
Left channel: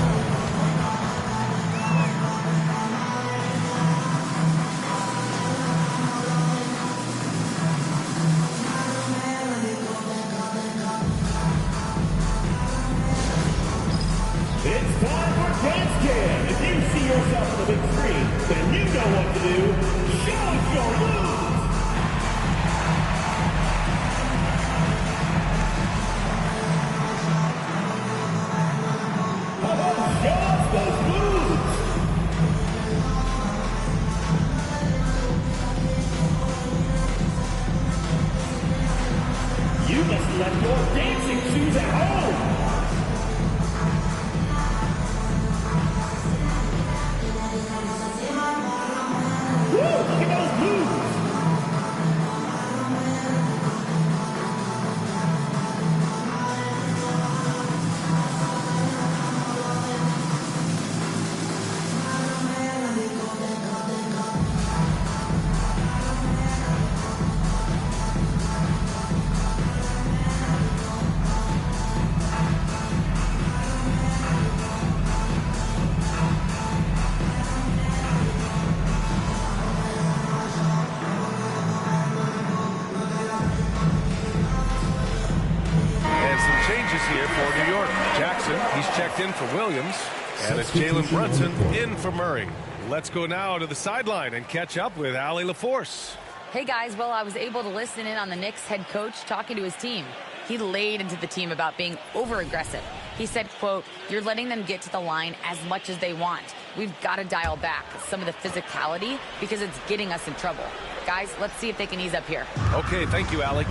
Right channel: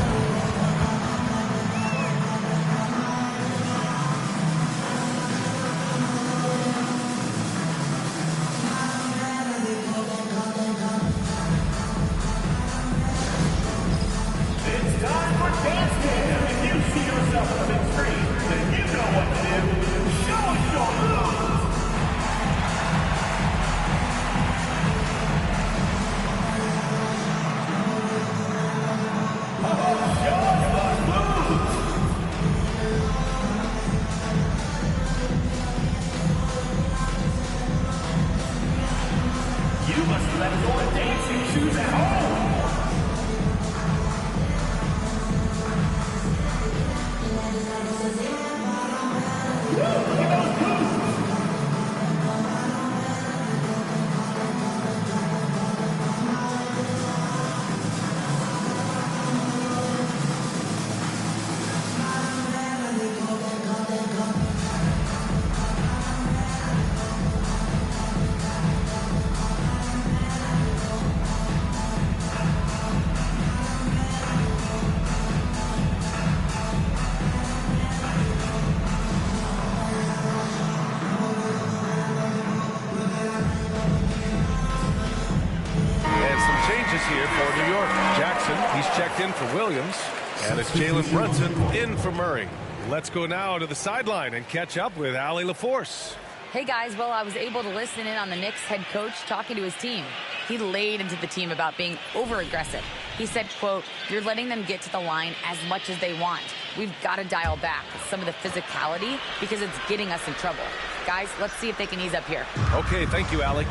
Changes here for New York. Jackson, he's checked in for Williams. And it's Jalen Brunson in for Murray. Let's go now to the sideline and catch up with Allie LaForce. Hey, guys. Well, I was able to listen in on the Knicks head coach talking to his team. He laid into the team about being over-aggressive. He said, quote, "You're letting them get to the line as much as they want. We've got to dial back some of the physicality because it's getting us in trouble. Guys, let's see if they can ease up here." Okay, thank you, Allie.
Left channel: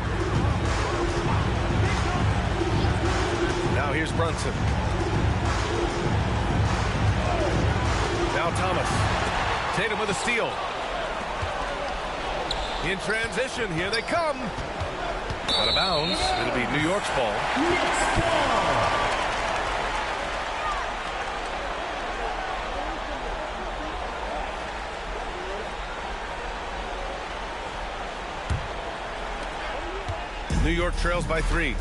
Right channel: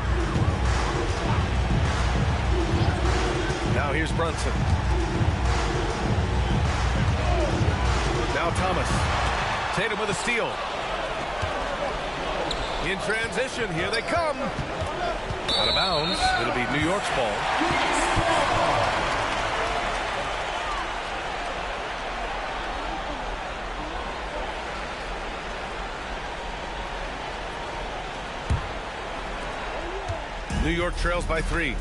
Now here's Brunson. Now Thomas. Tatum with a steal. In transition, here they come. Out of bounds. It'll be New York's ball. New York trails by 3.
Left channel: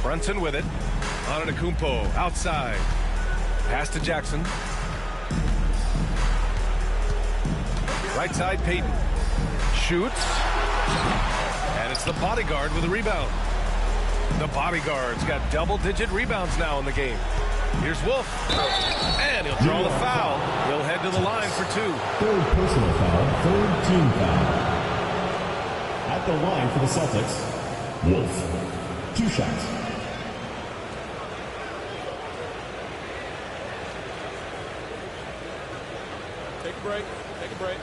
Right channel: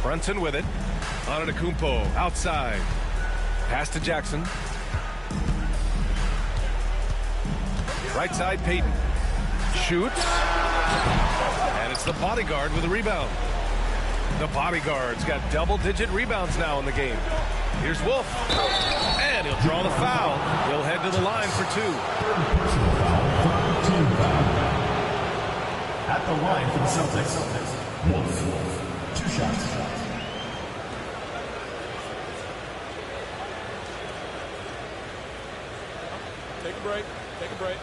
Brunson with it. Antetokounmpo outside. Pass to Jackson. Right side, Payton. Shoots. And it's the bodyguard with a rebound. The bodyguard's got double-digit rebounds now in the game. Here's Wolf. And he'll draw the foul. He'll head to the line for 2. Third personal foul, third team foul. At the line for the Celtics, Wolf. 2 shots. Take a break. Take a break.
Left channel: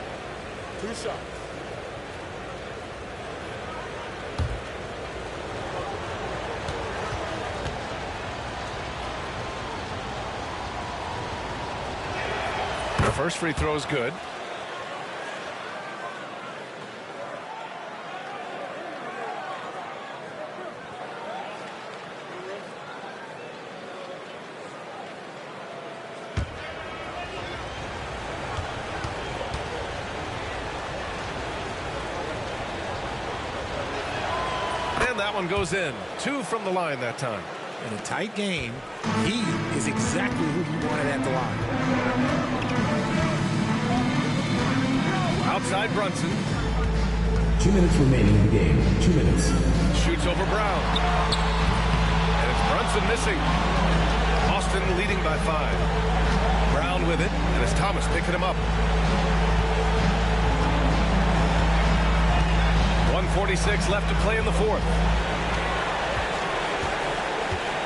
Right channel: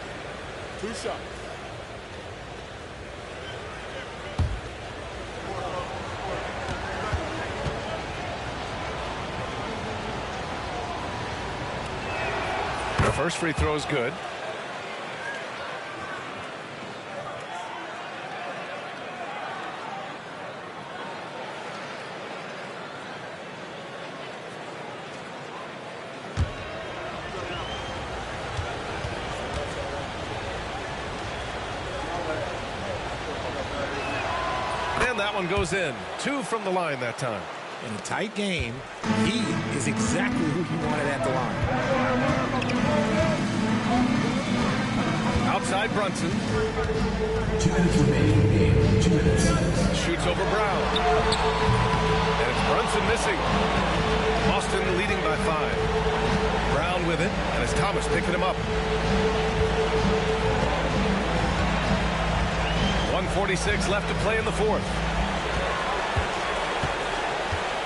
2 shots. The first free throw is good. And that one goes in. 2 from the line that time. In a tight game, he is exactly who you wanted at the line. Outside Brunson. 2 minutes remaining in the game. 2 minutes. Shoots over Brown. And it's Brunson missing. Boston leading by 5. Brown with it, and it's Thomas picking him up. 1:46 left to play in the 4th.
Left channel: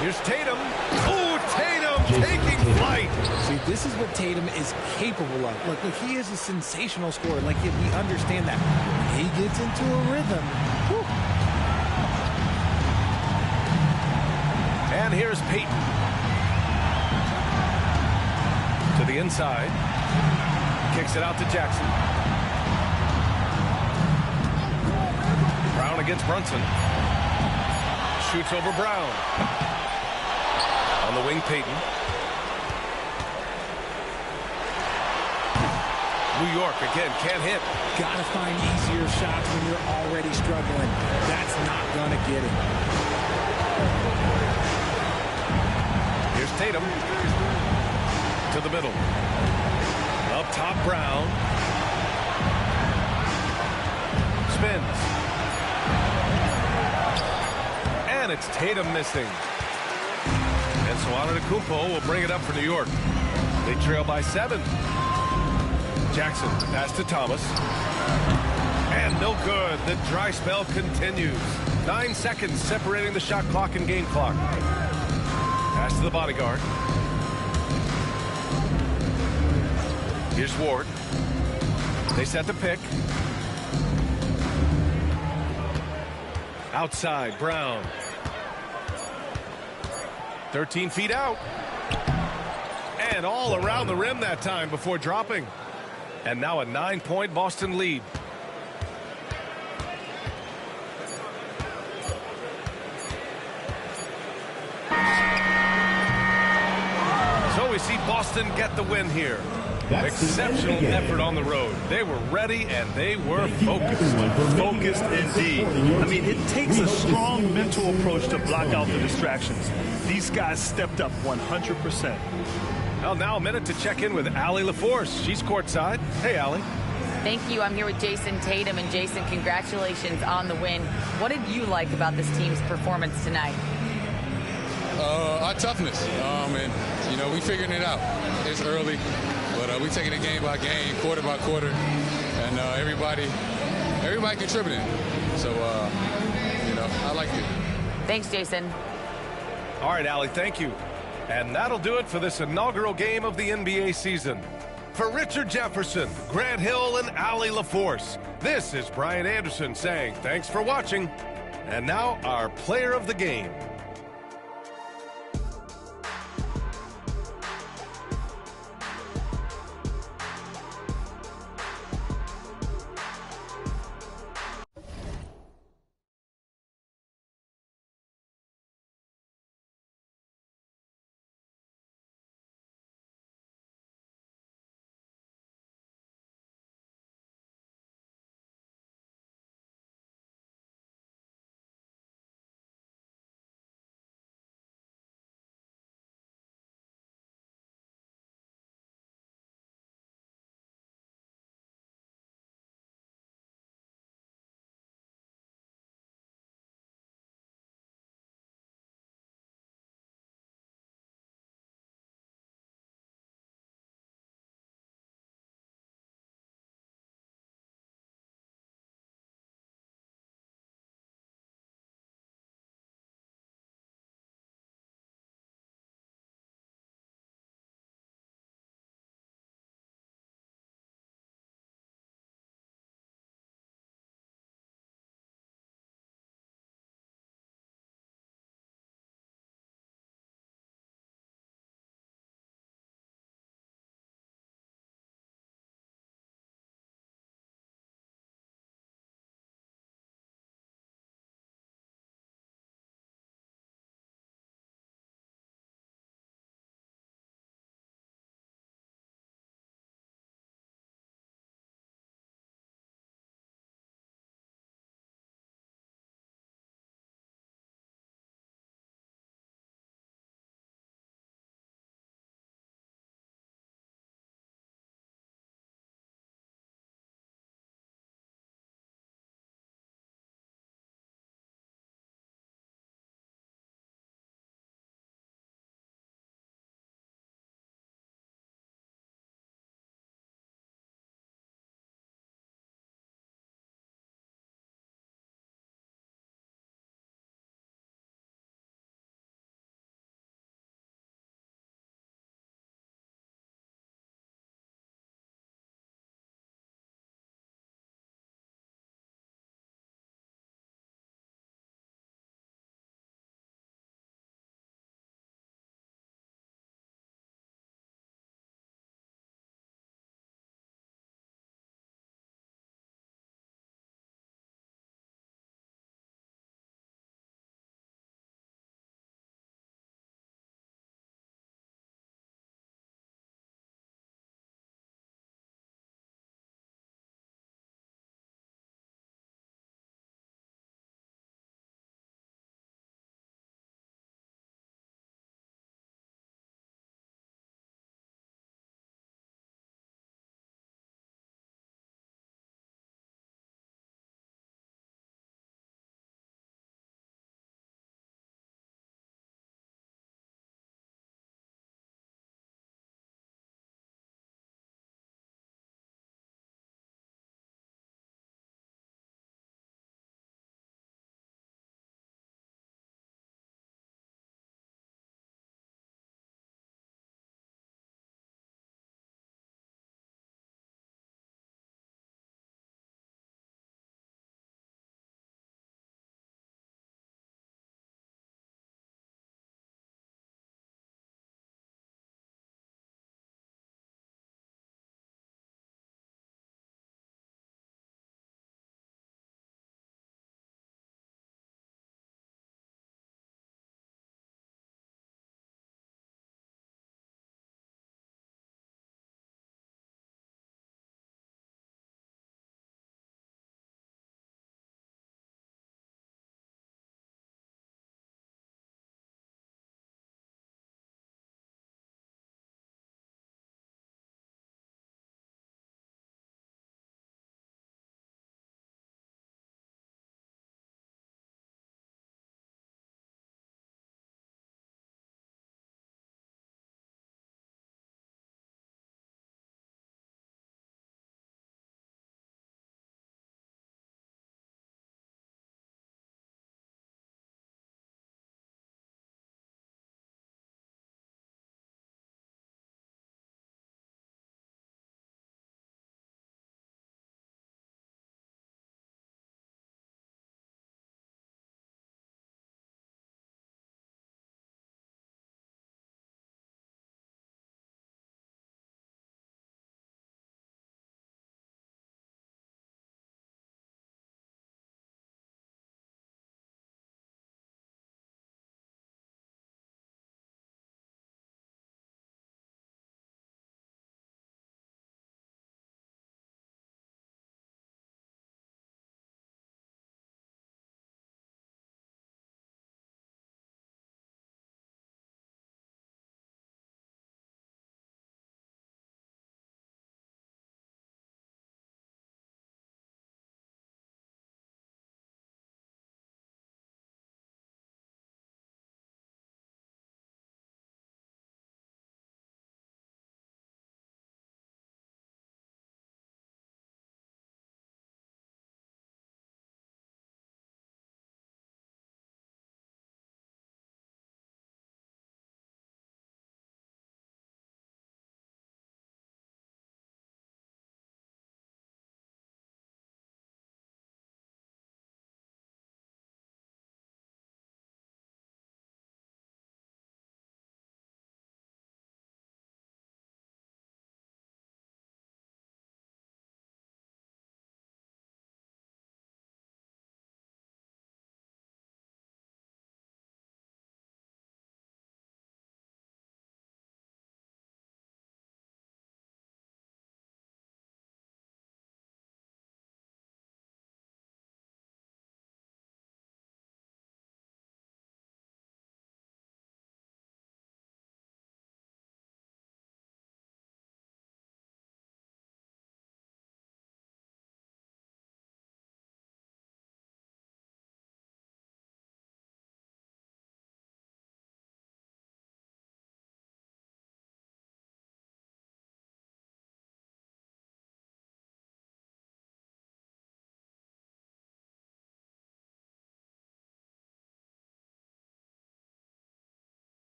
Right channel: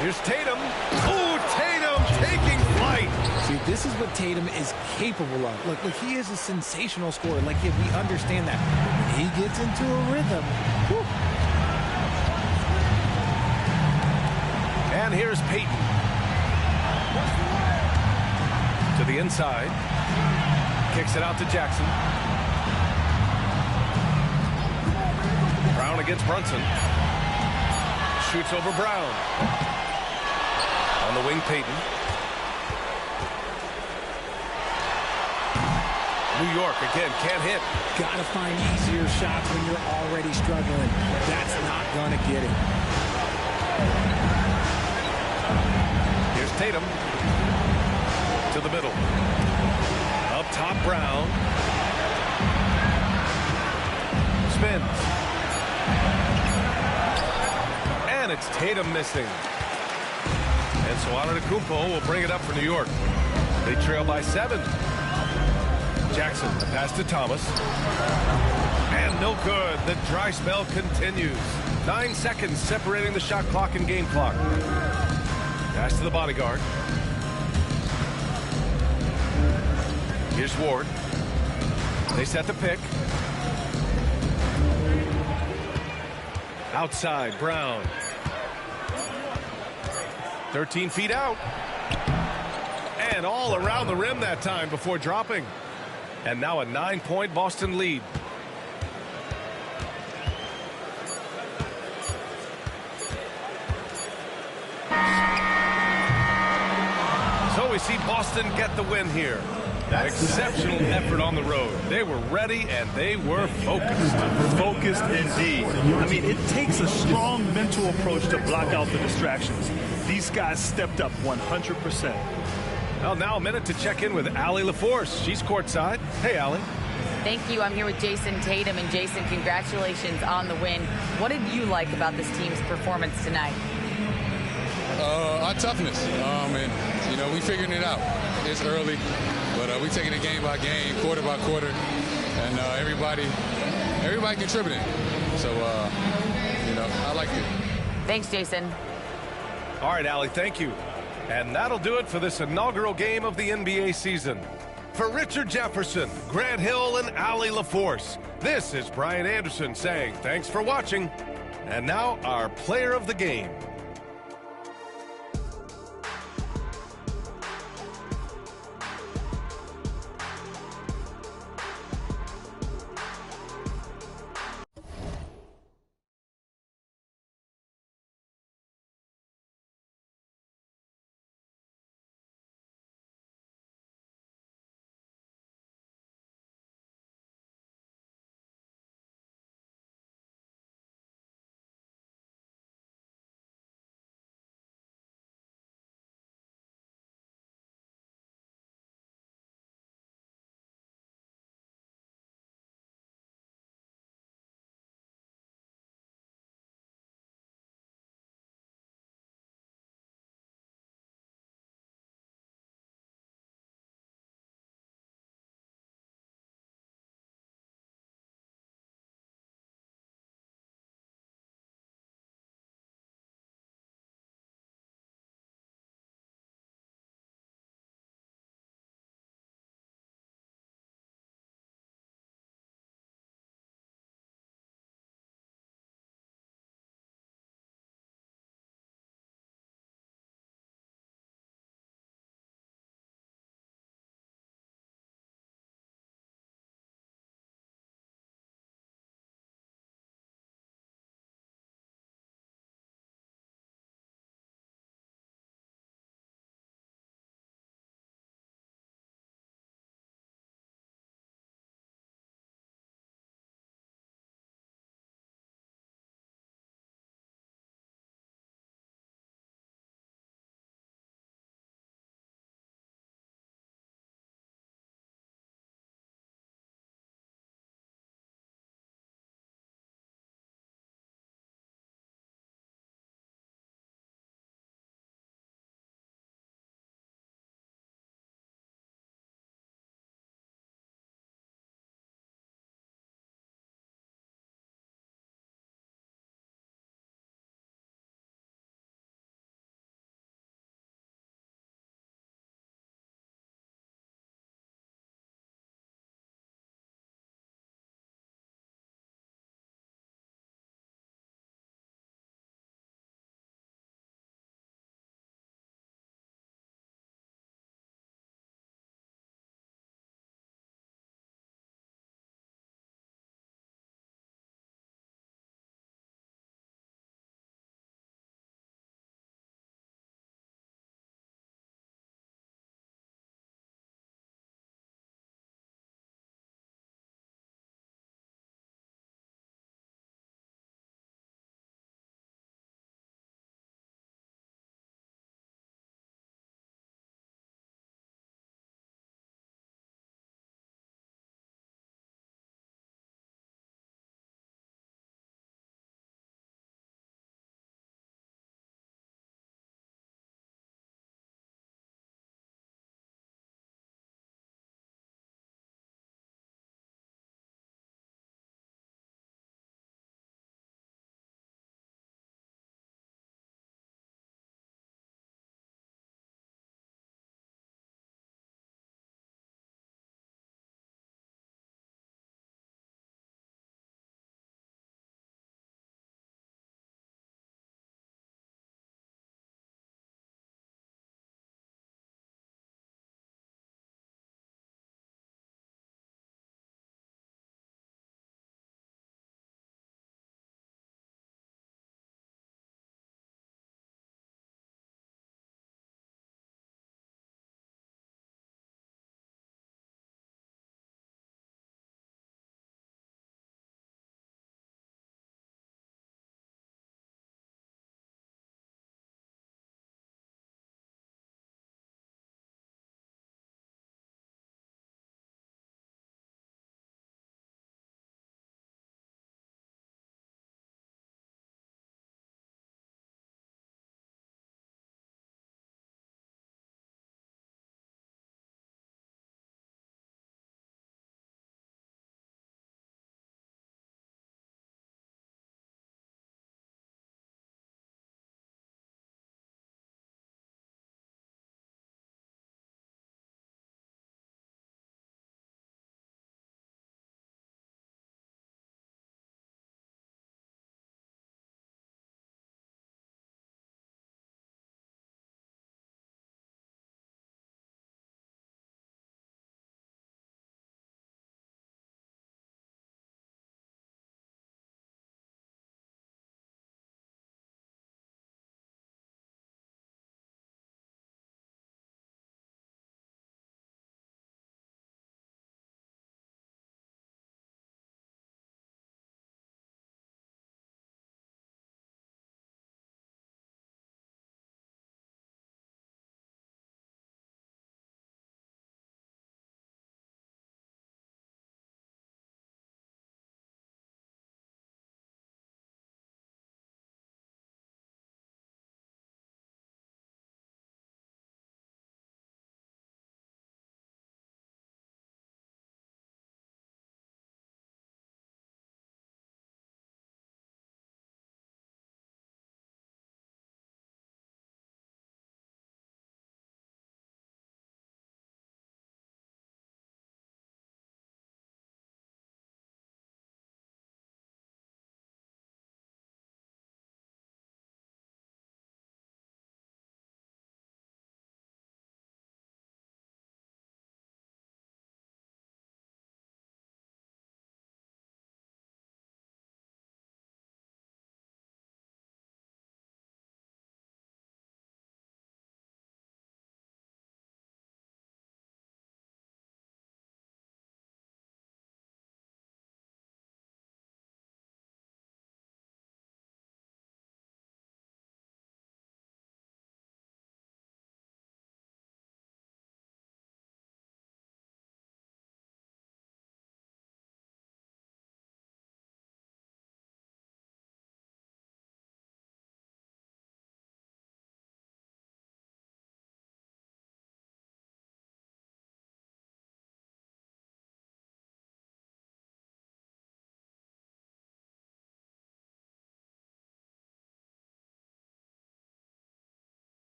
Here's Tatum. Oh, Tatum taking flight. See, this is what Tatum is capable of. Look, he is a sensational scorer. Like, yeah, we understand that. But when he gets into a rhythm, whew. And here's Payton. To the inside. Kicks it out to Jackson. Brown against Brunson. Shoots over Brown. On the wing, Payton. New York again can't hit. Gotta find easier shots when you're already struggling. That's not gonna get it. Here's Tatum. To the middle. Up top, Brown. Spins. And it's Tatum missing. And so Antetokounmpo will bring it up for New York. They trail by 7. Jackson, the pass to Thomas. And no good. The dry spell continues. 9 seconds separating the shot clock and game clock. Pass to the bodyguard. Here's Ward. They set the pick. Outside, Brown. 13 feet out. And all around the rim that time before dropping. And now a 9-point Boston lead. So we see Boston get the win here. Exceptional effort on the road. They were ready and they were focused. Focused indeed. I mean, it takes a strong mental approach to block out the distractions. These guys stepped up 100%. Well, now a minute to check in with Allie LaForce. She's courtside. Hey, Allie. Thank you. I'm here with Jason Tatum. And Jason, congratulations on the win. What did you like about this team's performance tonight? Our toughness. And, you know, we figuring it out. It's early, but we taking it game by game, quarter by quarter, and everybody contributing. So, you know, I like it. Thanks, Jason. All right, Allie, thank you. And that'll do it for this inaugural game of the NBA season. For Richard Jefferson, Grant Hill, and Allie LaForce, this is Brian Anderson saying thanks for watching. And now our player of the game.